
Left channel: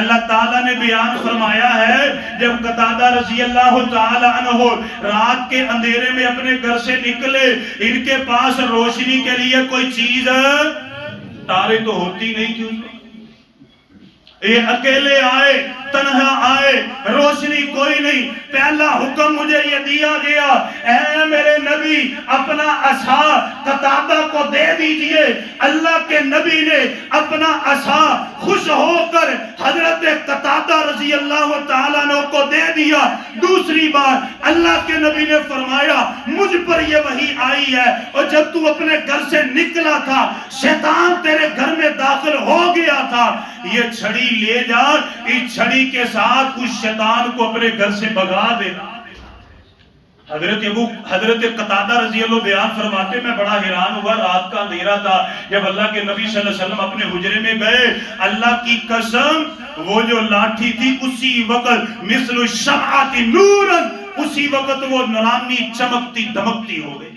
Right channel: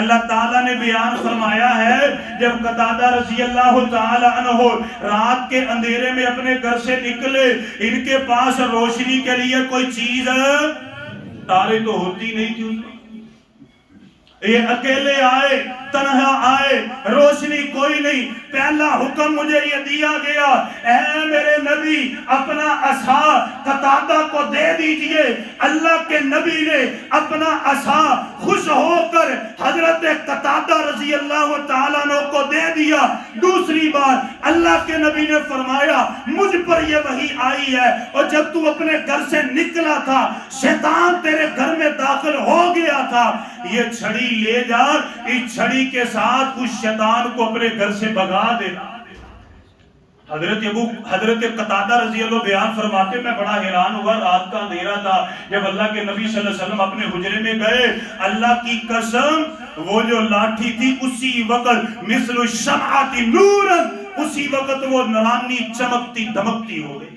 اللہ تعالیٰ نے بیان فرمایا ہے جب قتادہ رضی اللہ تعالیٰ عنہ رات کے اندھیرے میں اپنے گھر سے نکلے، ان کے پاس روشنی کے لیے کوئی چیز، تارے تو ہوتی نہیں تھی، یہ اکیلے آئے، تنہا آئے، روشنی کوئی نہیں. پہلا حکم مجھے یہ دیا گیا، اے میرے نبی اپنا عصا قتادہ کو دے دیجئے. اللہ کے نبی نے اپنا عصا خوش ہو کر حضرت قتادہ رضی اللہ تعالیٰ عنہ کو دے دیا. دوسری بار اللہ کے نبی نے فرمایا مجھ پر یہ وحی آئی ہے، اور جب تو اپنے گھر سے نکلا تھا شیطان تیرے گھر میں داخل ہو گیا تھا، یہ چھڑی لے جا، اس چھڑی کے ساتھ اس شیطان کو اپنے گھر سے بھگا دینا. حضرت قتادہ رضی اللہ بیان فرماتے میں بڑا حیران ہوا، رات کا اندھیرا تھا، جب اللہ کے نبی صلی اللہ علیہ وسلم اپنے حجرے میں گئے، اللہ کی قسم وہ جو لاٹھی تھی اسی وقت مثل الشمعۃ نورا، اسی وقت وہ نورانی چمکتی دمکتی ہو گئی.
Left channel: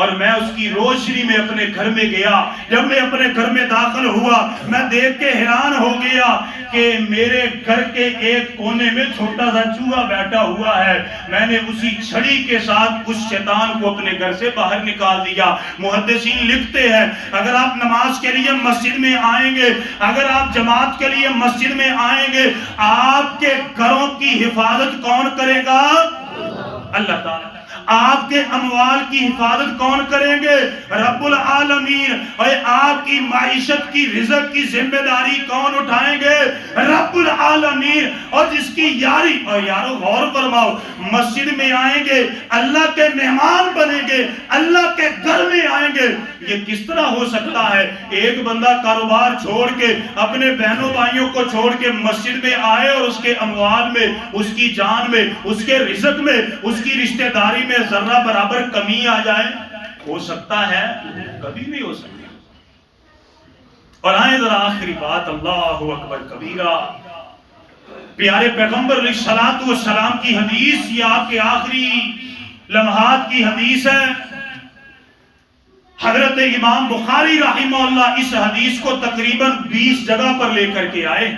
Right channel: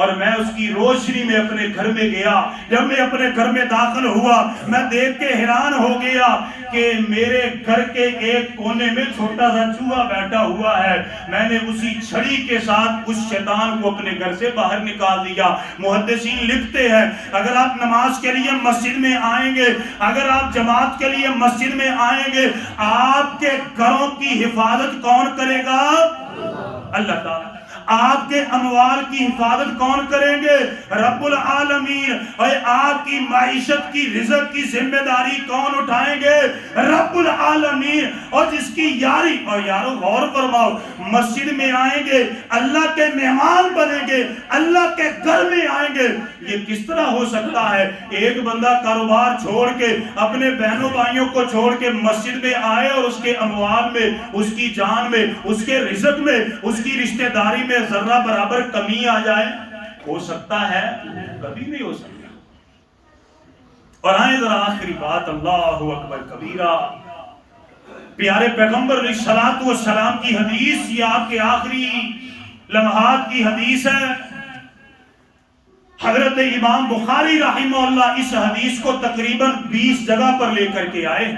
اور میں اس کی روشنی میں اپنے گھر میں گیا. جب میں اپنے گھر میں داخل ہوا میں دیکھ کے حیران ہو گیا کہ میرے گھر کے ایک کونے میں چھوٹا سا چوہا بیٹھا ہوا ہے. میں نے اسی چھڑی کے ساتھ اس شیطان کو اپنے گھر سے باہر نکال دیا. محدثین لکھتے ہیں اگر آپ نماز کے لیے مسجد میں آئیں گے، اگر آپ جماعت کے لیے مسجد میں آئیں گے، آپ کے گھروں کی حفاظت کون کرے گا؟ اللہ تعالیٰ. آپ کے اموال کی حفاظت کون کریں گے؟ رب العالمین. اور آپ کی معیشت کی رزق کی ذمہ داری کون اٹھائیں گے؟ رب العالمین. اور جس کی یاری، اور یارو غور فرماؤ، مسجد میں آئیں گے، اللہ کے مہمان بنیں گے، اللہ کے گھر میں آئیں گے. یہ کس طرح ہو سکتا ہے ایک بندہ کاروبار چھوڑ کے اپنے بہنوں بھائیوں کو چھوڑ کے مسجد میں آئے اور اس کے اموال میں، اس کی جان میں، اس کے رزق میں، اس کی رشتہ داری میں ذرہ برابر کمی آ جائے؟ ہو سکتا ہے؟ کبھی نہیں ہو سکتا. اور آئیں ذرا آخری بات، اللہ اکبر کبیرہ. پیارے پیغمبر علیہ الصلوۃ والسلام کی حدیث، یہ آپ کے آخری لمحات کی حدیث ہے. حضرت امام بخاری رحمہ اللہ اس حدیث کو تقریباً 20 جگہ پر لے کر کے آئے.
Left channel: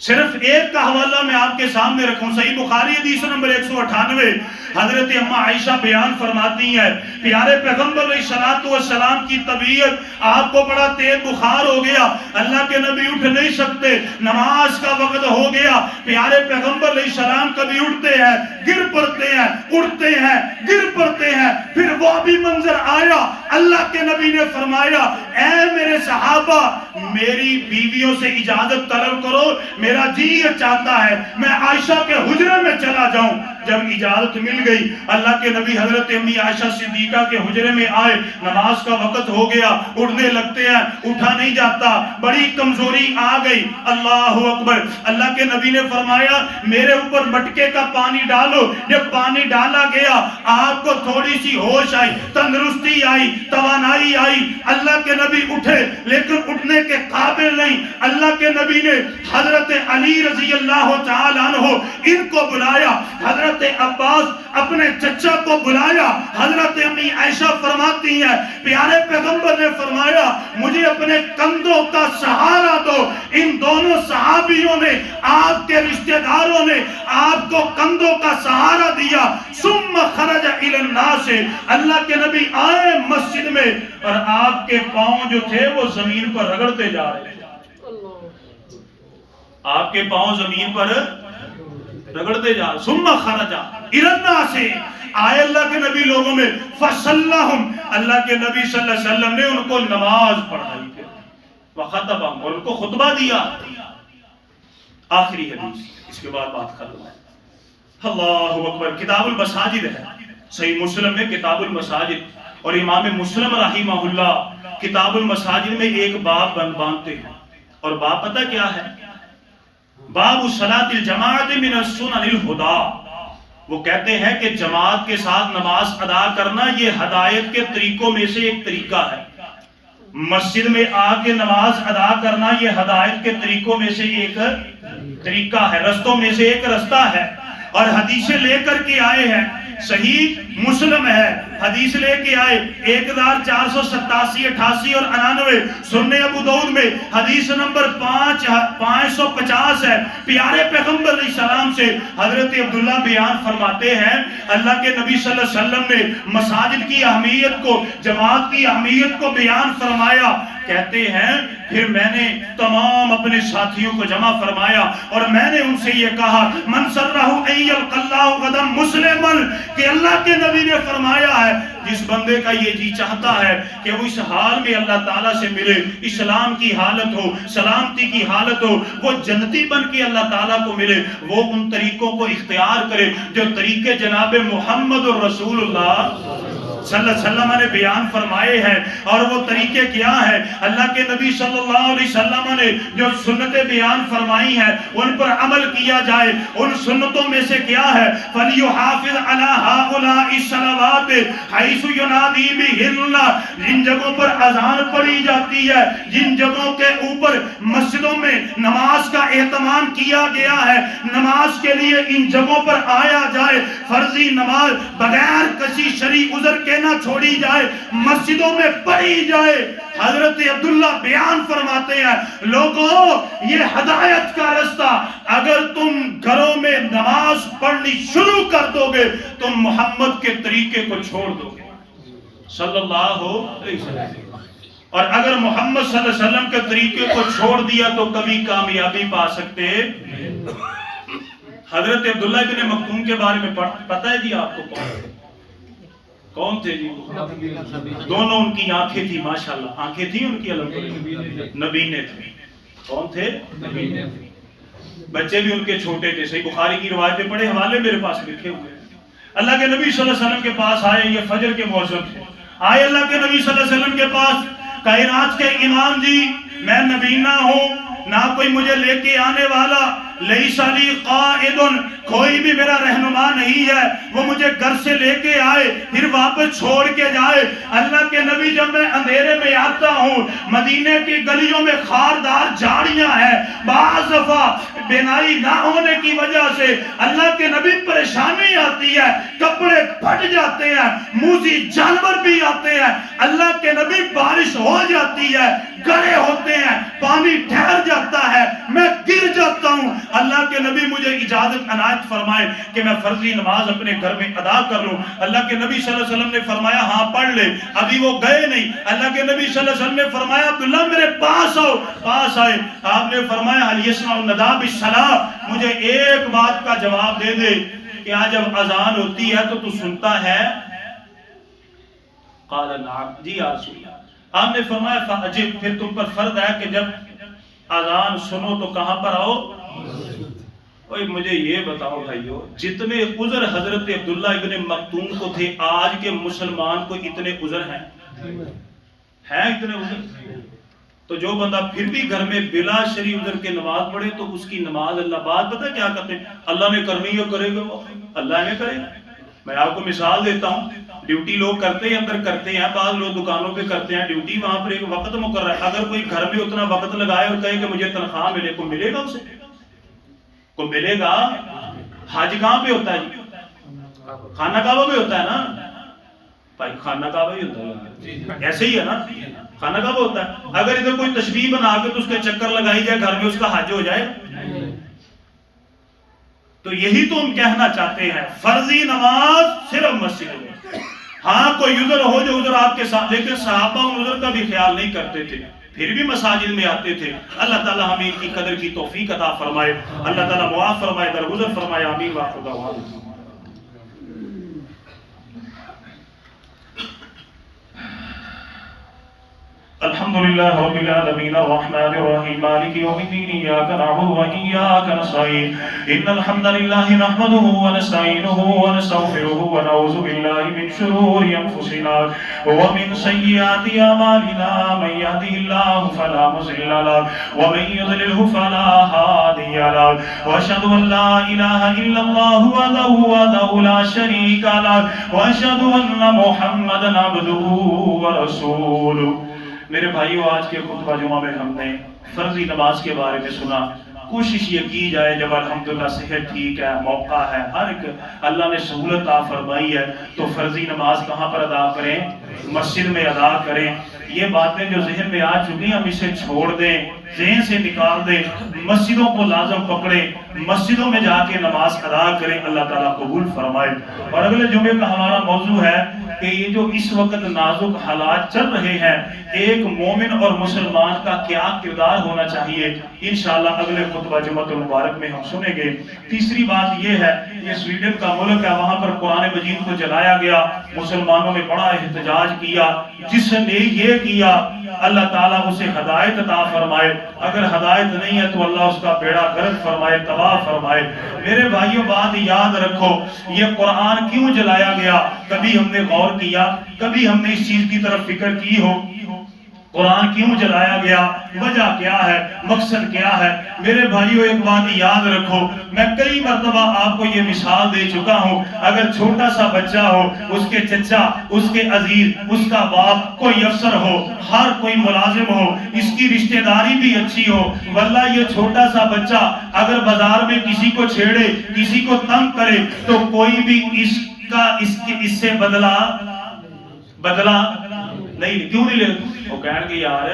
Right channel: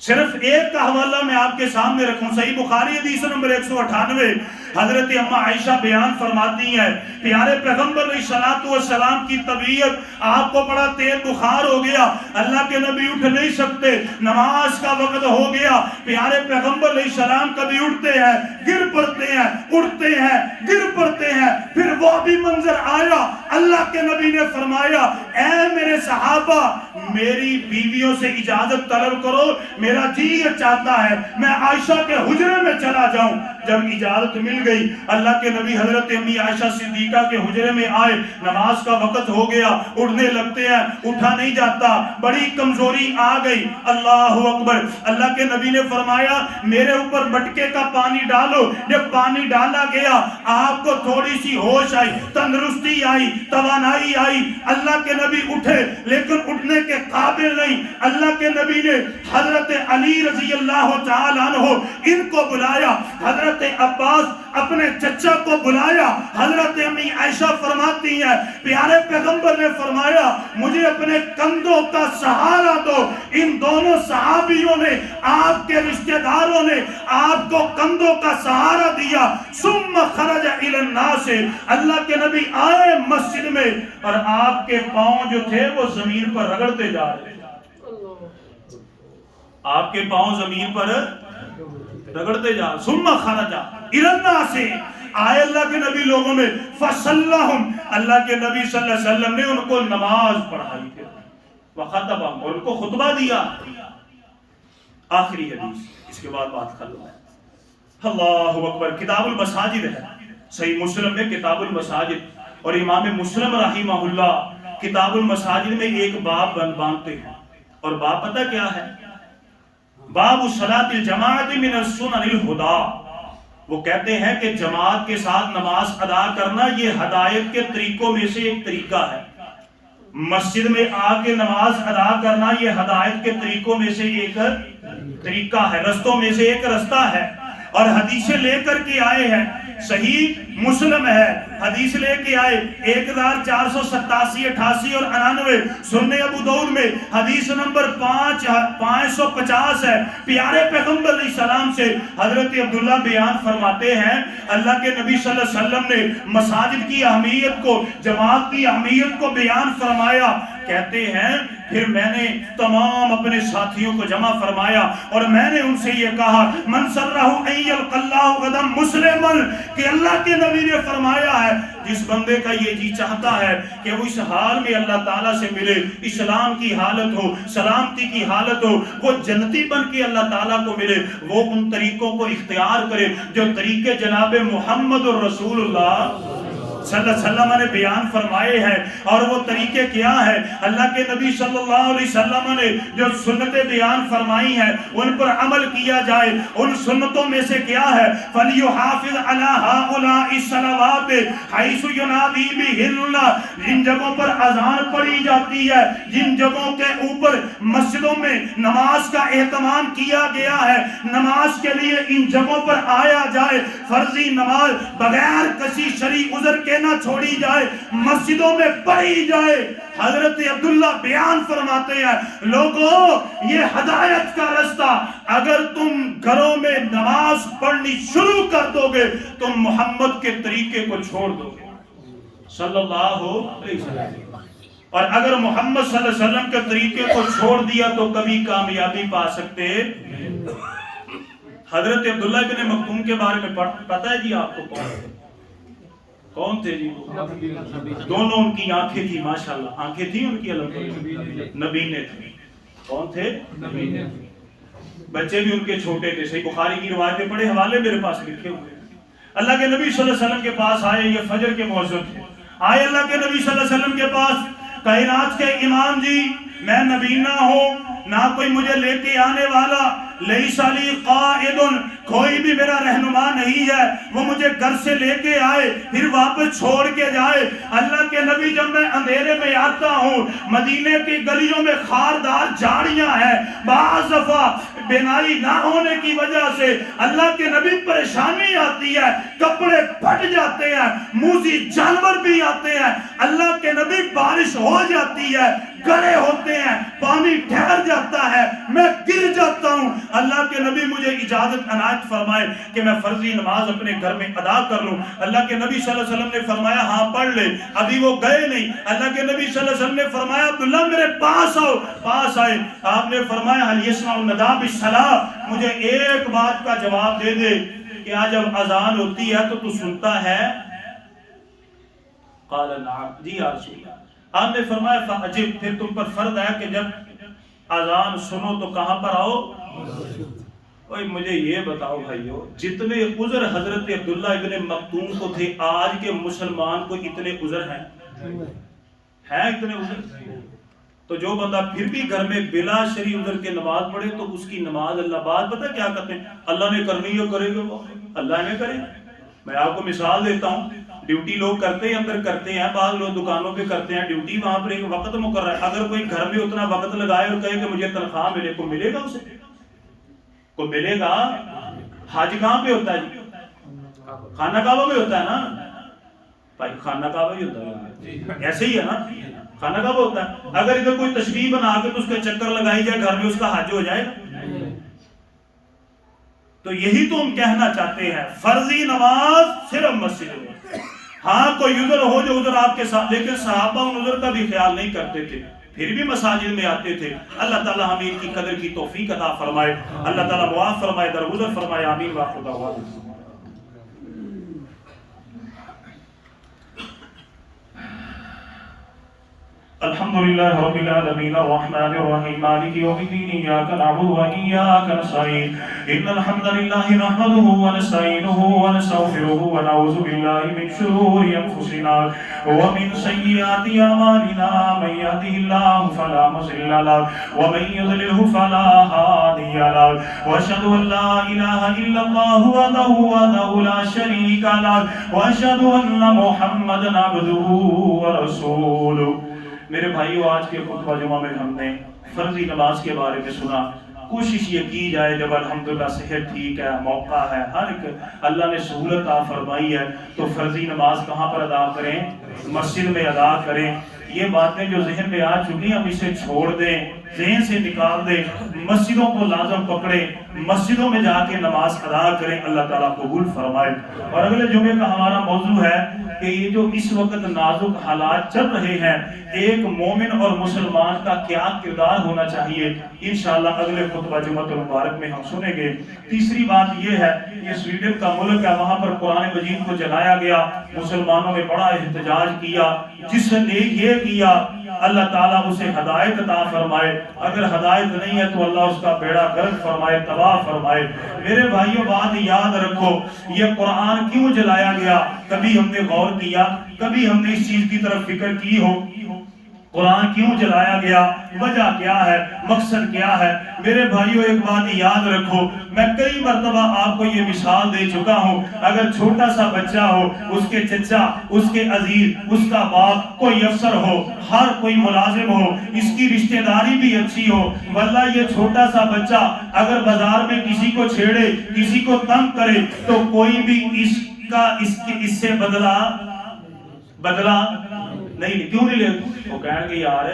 صرف ایک کا حوالہ میں آپ کے سامنے رکھوں. صحیح بخاری حدیث نمبر 198. حضرت اماں عائشہ بیان فرماتی ہیں پیارے پیغمبر علیہ الصلوۃ والسلام کی طبیعت، آپ کو بڑا تیز بخار ہو گیا، اللہ کے نبی اٹھ نہیں سکتے، نماز کا وقت ہو گیا. پیارے پیغمبر علیہ السلام کبھی اٹھتے ہیں گر پڑتے ہیں، اٹھتے ہیں گر پڑتے ہیں. پھر وہ بھی منظر آیا، اللہ کے نبی نے فرمایا اے میرے صحابہ میری بیویوں سے اجازت طلب کرو، میرا جی یہ چاہتا ہے میں عائشہ کے حجرے میں چلا جاؤں. جب اجازت مل گئی اللہ کے نبی حضرت امی عائشہ صدیقہ کے حجرے میں آئے. نماز کا وقت ہو گیا، اٹھنے لگتے ہیں، اٹھا نہیں جاتا، بڑی کمزوری آ گئی. اللہ اکبر. اللہ کے نبی نے فرمایا میرے اوپر مٹکے کا پانی ڈالو. جب پانی ڈالا گیا آپ کو تھوڑی سی ہوش آئی، تندرستی آئی، توانائی آئی. اللہ کے نبی اٹھے لیکن اٹھنے کے قابل نہیں. اللہ کے نبی نے حضرت علی رضی اللہ تعالیٰ عنہ ان کو بلایا، حضرت عباس اپنے چچا کو بلایا. حضرت امی عائشہ فرماتی ہیں پیارے پیغمبر نے فرمایا مجھے اپنے کندھوں کا سہارا دو. ان دونوں صحابیوں نے، آپ کے رشتہ داروں نے آپ کو کندھوں کا سہارا دیا. ثم خرج الی الناس. اللہ کے نبی آئے مسجد میں اور آپ کے پاؤں جو تھے وہ زمین پر رگڑتے جا رہے تھے. آپ کے پاؤں زمین پر رگڑتے جا. ثم خرج الی الناس. آئے اللہ کے نبی لوگوں میں فصلہم. اللہ کے نبی صلی اللہ علیہ وسلم نے ان کو نماز پڑھائی تھی، وخطبہم، اور ان کو خطبہ دیا. آخری حدیث، اس کے بعد بات ختم ہے. اللہ اکبر. کتاب المساجد ہے، صحیح مسلم میں کتاب المساجد. اور امام مسلم رحمہ اللہ کتاب المساجد میں ایک باب باندھتے ہیں. اور باب پتہ کیا ہے؟ باب صلاۃ الجماعت من السنن الہدی. وہ کہتے ہیں کہ جماعت کے ساتھ نماز ادا کرنا یہ ہدایت کے طریقوں میں سے ایک طریقہ ہے. مسجد میں آ کے نماز ادا کرنا یہ ہدایت کے طریقوں میں سے ایک طریقہ ہے، رستوں میں سے ایک رستہ ہے. اور حدیثیں لے کر کے آئے ہیں، صحیح مسلم ہے حدیث لے کے آئے 1487 88 اور 99. سنن ابو داؤد میں حدیث نمبر 550 ہے. پیارے پیغمبر علیہ السلام سے حضرت عبداللہ بیان فرماتے ہیں اللہ کے نبی صلی اللہ علیہ وسلم نے مساجد کی اہمیت کو، جماعت کی اہمیت کو بیان فرمایا. کہتے ہیں پھر میں نے تمام اپنے ساتھیوں کو جمع فرمایا اور میں نے ان سے یہ کہا من سرہ ان یلقی اللہ غدا مسلما، کہ اللہ کے نبی نے فرمایا ہے جس بندے کا یہ جی چاہتا ہے کہ وہ اس حال میں اللہ تعالیٰ سے ملے، اسلام کی حالت ہو، سلامتی کی حالت ہو، وہ جنتی بن کے اللہ تعالیٰ کو ملے، وہ ان طریقوں کو اختیار کرے جو طریقے جناب محمد الرسول اللہ صلی اللہ علیہ وسلم نے بیان فرمائے ہیں۔ اور وہ طریقے کیا ہے؟ اللہ کے نبی صلی اللہ علیہ وسلم نے جو سنتیں بیان فرمائی ہیں ان پر عمل کیا جائے۔ ان سنتوں میں سے کیا ہے؟ فَلْيُحَافِظْ عَلَىٰ هَٰؤُلَاءِ الصَّلَوَاتِ حَيْثُ يُنَادِي بِهِنَّ، جن جگہوں پر اذان پڑھی جاتی ہے، جن جگہوں کے اوپر مسجدوں میں نماز کا اہتمام کیا گیا ہے، نماز کے لیے ان جگہوں پر آیا جائے، فرضی نماز بغیر کسی شرعی عذر کے نہ چھوڑی جائے، مسجدوں میں پڑھی جائے۔ حضرت عبداللہ بیان فرماتے ہیں لوگوں یہ ہدایت کا رستہ، اگر تم گھروں میں نماز پڑھنی شروع کر دو گے تم محمد کے طریقے کو چھوڑ دو گے صلی اللہ علیہ وسلم، اور اگر محمد صلی اللہ علیہ وسلم کے طریقے کو چھوڑ دیا تو کبھی کامیابی پا سکتے۔ حضرت عبداللہ ابن مکتوم کے بارے میں پتہ ہے جی آپ کو کون تھے جی؟ دونوں ان کی آنکھیں تھی، ماشاءاللہ آنکھیں تھیں ان کی، نبینے تھے۔ کون تھے؟ بچے بھی ان کے چھوٹے تھے۔ صحیح بخاری کی روایتیں پڑھے، حوالے میرے پاس لکھے ہوئے ہیں۔ اللہ کے نبی صلی اللہ علیہ وسلم کے پاس آئے، یہ فجر کے مؤذن تھے، آئے اللہ کے نبی صلی اللہ علیہ وسلم کے پاس، کائنات کے امام جی میں نبینا ہوں، نہ کوئی مجھے لے کے آنے والا، لیس لی قائد، کوئی بھی میرا رہنما نہیں ہے، وہ مجھے گھر سے لے کے آئے پھر واپس چھوڑ کے جائے۔ اللہ کے نبی جب میں اندھیرے میں آتا ہوں، مدینے کی گلیوں میں خاردار جھاڑیاں ہیں، بعض دفعہ بینائی نہ ہونے کی وجہ سے اللہ کے نبی پریشانی آتی ہے، کپڑے پھٹ جاتے ہیں، موذی جانور بھی آتے ہیں، اللہ کے نبی بارش ہو جاتی ہے، گڑھے ہوتے ہیں، پانی ٹھہر جاتا ہے، میں گر جاتا ہوں، اللہ کے نبی مجھے اجازت عنایت فرمائے کہ میں فرضی نماز اپنے گھر میں ادا کر لوں۔ اللہ کے نبی صلی اللہ علیہ وسلم نے فرمایا ہاں پڑھ لے، ابھی وہ گئے نہیں۔ اللہ کے نبی صلی اللہ علیہ وسلم نے فرمایا عبداللہ میرے پاس آؤ، پاس آئے، آپ نے فرمایا حل یسمع النداء بالصلاۃ، مجھے ایک بات کا جواب دے دے، کیا جب اذان ہوتی ہے تو سنتا ہے؟ قال نعم، جی یا رسول اللہ۔ آپ نے فرمایا فاجب، پھر تم پر فرض ہے کہ جب اذان سنو تو کہاں پر آؤ؟ اوہ مجھے یہ بتاؤ بھائیو، جتنے عذر حضرت عبداللہ ابن مکتوم کو تھے آج کے مسلمان کو اتنے عذر ہیں؟ ہیں اتنے عذر؟ تو جو بندہ پھر بھی گھر میں بلا شرعی عذر کے نماز پڑھے تو اس کی نماز اللہ بات پتہ کیا کہتے ہیں؟ اللہ نے کرنی ہے کرے گا، وہ اللہ نے کرے گا۔ میں آپ کو مثال دیتا ہوں، ڈیوٹی لوگ کرتے ہیں، اندر کرتے ہیں، بعض لوگ دکانوں پہ کرتے ہیں ڈیوٹی، وہاں پر ایک وقت مقرر ہے، اگر کوئی گھر میں اتنا وقت لگائے اور کہے کہ مجھے تنخواہ ملے، کو ملے گا اسے؟ کو ملے گا؟ حج کہاں پہ ہوتا ہے جی؟ خانہ کعبہ میں ہوتا ہے نا بھائی، خانہ کعبہ ہی ہوتا ہے، ایسے ہی ہے نا، خانہ کعبہ ہوتا ہے۔ اگر ادھر کوئی تشبیہ بنا کے تو اس کے چکر لگائی جائے گھر میں، اس کا حج ہو جائے گا؟ تو یہی تو ہم کہنا چاہتے ہیں، فرضی نماز صرف مسجد میں، ہاں کوئی عذر ہو جو عذر آپ کے ساتھ، لیکن صحابہ ان عذر کا بھی خیال نہیں کرتے تھے، پھر بھی مساجد میں آتے تھے۔ اللہ تعالی ہمیں ان کی قدر کی توفیق عطا فرمائے، اللہ تعالی معاف فرمائے، درگزر فرمائے، آمین وآخر دعوانا۔ الحمد لله رب العالمين الرحمن الرحيم مالك يوم الدين إياك نعبد وإياك نستعين إن الحمد لله نحمده ونستعينه ونستغفره ونعوذ بالله من شرور أنفسنا ومن سيئات أعمالنا من يهده الله فلا مضل له ومن يضلله فلا هادي له وأشهد أن لا إله إلا الله وحده لا شريك له وأشهد أن محمدا عبده ورسوله۔ میرے بھائیو، آج کے خطبہ جمعہ میں ہم نے فرضی نماز کے بارے میں سنا۔ کوشش یہ کی جائے جب الحمدللہ صحت ٹھیک ہے، موقع ہے، ہر ایک اللہ نے سہولت عطا فرمائی ہے تو فرضی نماز کہاں پر ادا کریں؟ مسجد میں ادا کریں۔ یہ باتیں جو ذہن میں آ چکی ہم اسے چھوڑ دیں، ذہن سے نکال دیں، مسجدوں کو لازم پکڑیں، مسجدوں میں جا کے نماز ادا کریں، اللہ تعالیٰ قبول فرمائے۔ اور اگلے جمعے کا ہمارا موضوع ہے کہ یہ جو اس وقت نازک حالات چل رہے ہیں ایک مومن اور مسلمان کا کیا کردار ہونا چاہیے، انشاءاللہ اگلے خطبہ جمعۃ المبارک میں ہم سنیں گے۔ تیسری بات یہ ہے، یہ سویڈن کا ملک ہے، وہاں پر قرآن مجید کو جلایا گیا، مسلمانوں نے بڑا احتجاج کیا، جس نے یہ کیا اللہ تعالیٰ اسے ہدایت عطا فرمائے، اگر ہدایت نہیں ہے تو اللہ اس کا بیڑا غرق فرمائے، تباہ فرمائے۔ میرے بھائیوں بات یاد رکھو، یہ قرآن کیوں جلایا گیا؟ کبھی ہم نے غور کیا، کبھی ہم نے اس چیز کی طرف فکر کی ہو قرآن کیوں جلایا گیا؟ وجہ کیا ہے؟ مقصد کیا ہے؟ میرے بھائیوں ایک بات یاد رکھو، میں کئی مرتبہ آپ کو یہ مثال دے چکا ہوں، اگر چھوٹا سا بچہ ہو، اس کے چچا، اس کے عزیز، اس کا باپ کوئی افسر ہو، ہر کوئی ملازم ہو، اس کی رشتہ داری بھی اچھی ہو، واللہ یہ چھوٹا سا بچہ اگر بازار میں کسی کو چھیڑے، کسی کو تنگ کرے تو کوئی بھی اس سے بدلہ نہیں، کیوں نہیں لے؟ وہ کہن گے یار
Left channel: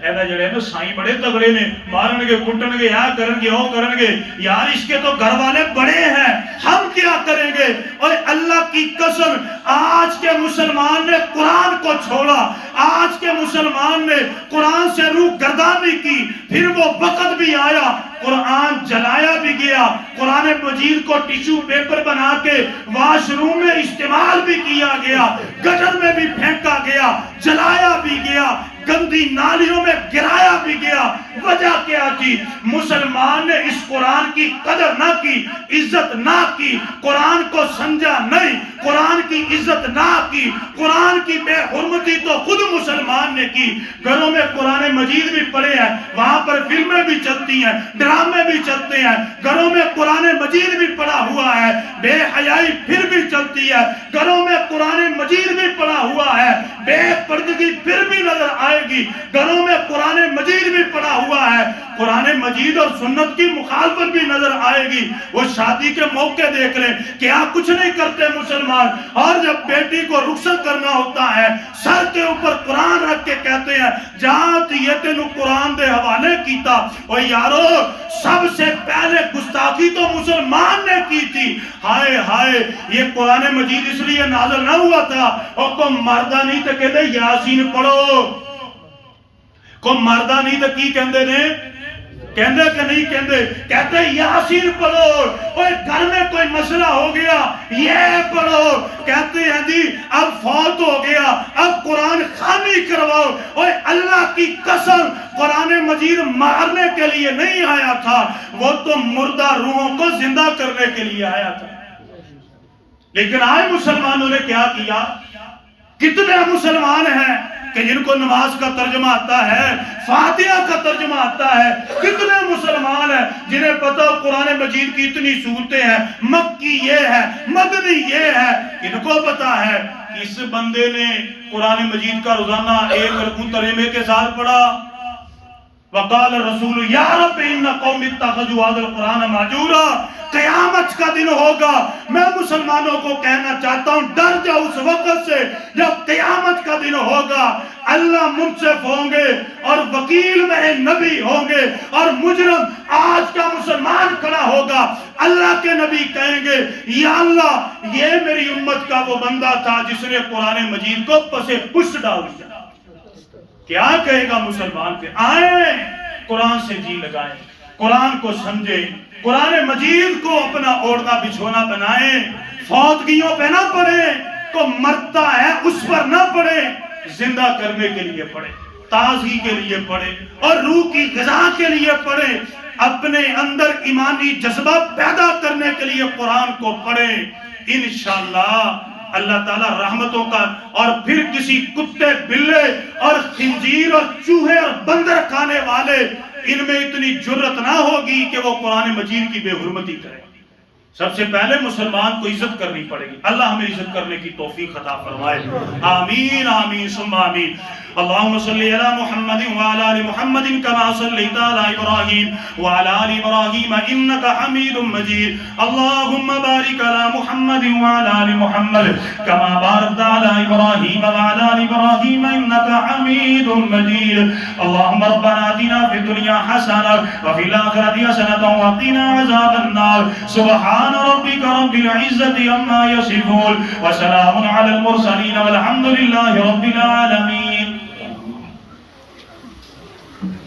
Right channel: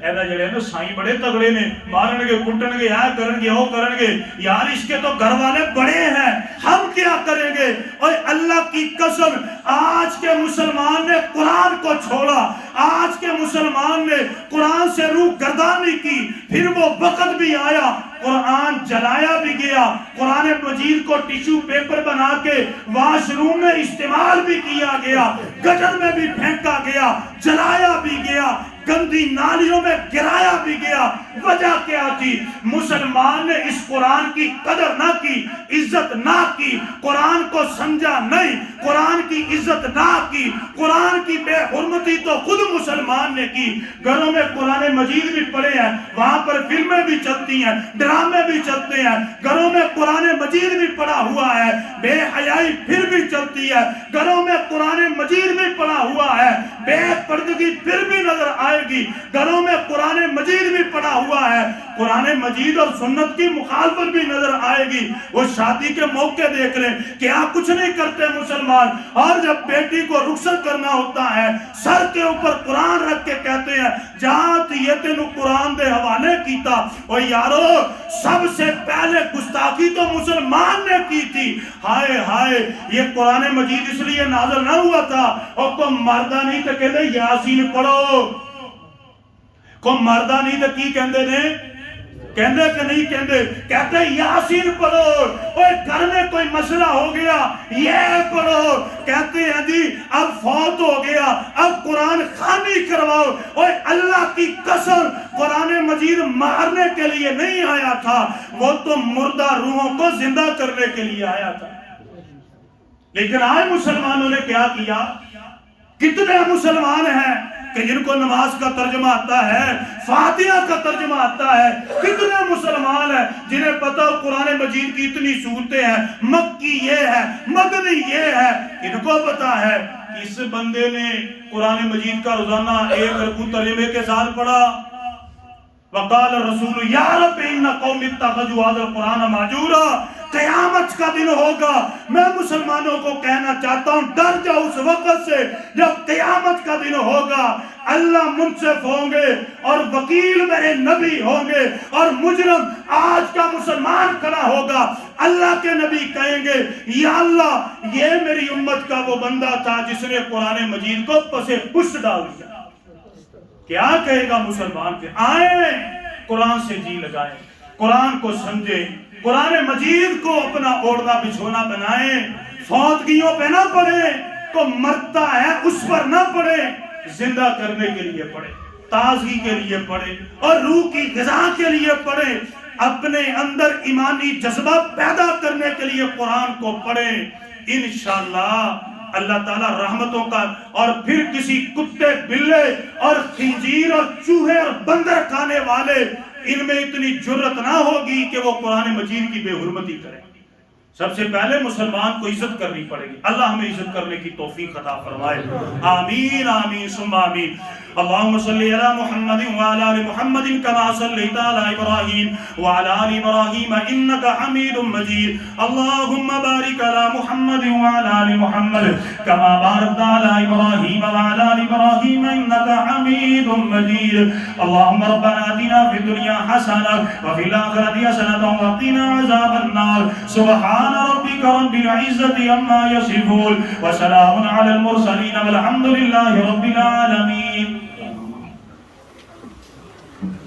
ایسا جڑے نا سائیں بڑے تگڑے نے، مارن گے، کٹن گے، یا کرن گے، وہ کرن گے، یار اس کے تو گھر والے بڑے ہیں، ہم کیا کریں گے؟ اور اللہ کی قسم آج کے مسلمان نے قرآن کو چھوڑا، آج کے مسلمان نے قرآن سے روح گردانی کی، پھر وہ وقت بھی آیا قرآن جلایا بھی گیا، قرآن مجید کو ٹیشو پیپر بنا کے واش روم میں استعمال بھی کیا گیا، گٹر میں بھی پھینکا گیا، جلایا بھی گیا، گندی نالیوں میں گرایا بھی گیا۔ وجہ کیا تھی؟ مسلمان نے اس قرآن کی قدر نہ کی، عزت نہ کی، قرآن کو سمجھا نہیں، قرآن کی عزت نہ کی، قرآن کی بے حرمتی تو خود مسلمان نے کی۔ گھروں میں قرآن مجید بھی پڑھے ہیں، وہاں پر فلمیں بھی چلتی ہیں، ڈرامے بھی چلتے ہیں، گھروں میں قرآن مجید بھی پڑھا ہوا ہے، بے حیائی پھر بھی چلتی ہے، گھروں میں قرآن مجید بھی پڑھا ہوا ہے، بے پردگی پھر بھی نظر آئے گی، گھروں میں قرآن مجید بھی پڑھا ہوا ہے، قرآن مجید اور سنت کی مخالفت بھی نظر آئے گی۔ وہ شادی کے موقع دیکھ رہے ہیں، کیا کچھ نہیں کرتے مسلمان، اور جب بیٹی کو رخصت کرنا ہوتا ہے سر کے اوپر قرآن رکھ کے کہتے ہیں جات یہ تینو قرآن دے حوالے کیتا۔ اور یارو سب سے پہلے گستاخی تو مسلمان نے کی تھی۔ ہائے ہائے، یہ قرآن مجید اس لیے نازل نہ ہوا تھا اور کو مردہ نہیں تو کہتے یاسین پڑھو، کو مردہ نہیں تو کی کہندے نے، کہندے کہ نہیں کہندے، کہتے یاسین پڑھو، اوہ گھر میں کوئی مسئلہ ہو گیا یہ پڑھو، کہتے ہیں جی اب فوت ہو گیا اب قرآن خوانی کرواؤ۔ اوہ اللہ کی قسم قرآن مجید مارنے کے لیے نہیں آیا تھا، وہ تو مردہ روحوں کو زندہ کرنے کے لیے آیا تھا۔ لیکن آج مسلمانوں نے کیا کیا؟ کتنے مسلمان ہیں کہ جن کو نماز کا ترجمہ آتا ہے، فاتحہ کا ترجمہ آتا ہے؟ کتنے مسلمان ہیں جنہیں پتہ قرآن مجید کی اتنی صورتیں ہیں، مکی یہ ہے، مدنی یہ ہے؟ ان کو پتہ ہے کہ اس بندے نے قرآن مجید کا روزانہ ایک رکوع ترجمے کے ساتھ پڑھا۔ وقال الرسول یا رب ان قوم اتخذوا هذا القرآن مہجورا۔ قیامت کا دن ہوگا، میں مسلمانوں کو کہنا چاہتا ہوں ڈر جاؤ اس وقت سے جب قیامت کا دن ہوگا، اللہ منصف ہوں گے اور وکیل میرے نبی ہوں گے اور مجرم آج کا مسلمان کھڑا ہوگا، اللہ کے نبی کہیں گے یا اللہ یہ میری امت کا وہ بندہ تھا جس نے قرآن مجید کو پسے پشت ڈال دیا۔ کیا کہے گا مسلمان؟ پہ آئیں قرآن سے جی لگائیں، قرآن کو سمجھیں، قرآن مجید کو اپنا اوڑھنا بچھونا بنائیں، فوتگیوں پہ نہ پڑھیں، کو مرتا ہے اس پر نہ پڑھیں، زندہ کرنے کے لیے پڑھیں، تازگی کے لیے پڑھیں اور روح کی غذا کے لیے پڑھیں، اپنے اندر ایمانی جذبہ پیدا کرنے کے لیے قرآن کو پڑھیں۔ انشاءاللہ اللہ تعالیٰ رحمتوں کا، اور پھر کسی کتے بلے اور خنزیر اور چوہے اور بندر کھانے والے ان میں اتنی جرت نہ ہوگی کہ وہ قرآن مجید کی بے حرمتی کریں۔ سب سے پہلے مسلمان کو عزت کرنی پڑے گی، اللہ ہمیں عزت کرنے کی توفیق عطا فرمائے، آمین آمین ثم آمین۔ اللہم صلی علی محمد وعلی آل محمد کما صلیت علی ابراہیم وعلی آل ابراہیم انکا حمید مجید، اللہم بارک علی محمد وعلی آل محمد کما بارکت علی ابراہیم وعلی آل ابراہیم انکا حمید مجید۔ اللہم ربنا آتنا فی الدنیا حسنہ وفی الآخرۃ حسنہ وقنا عذاب النار۔ سبحان سبحان ربک رب العزت عما یصفون وسلام علی المرسلین والحمد للہ رب العالمین.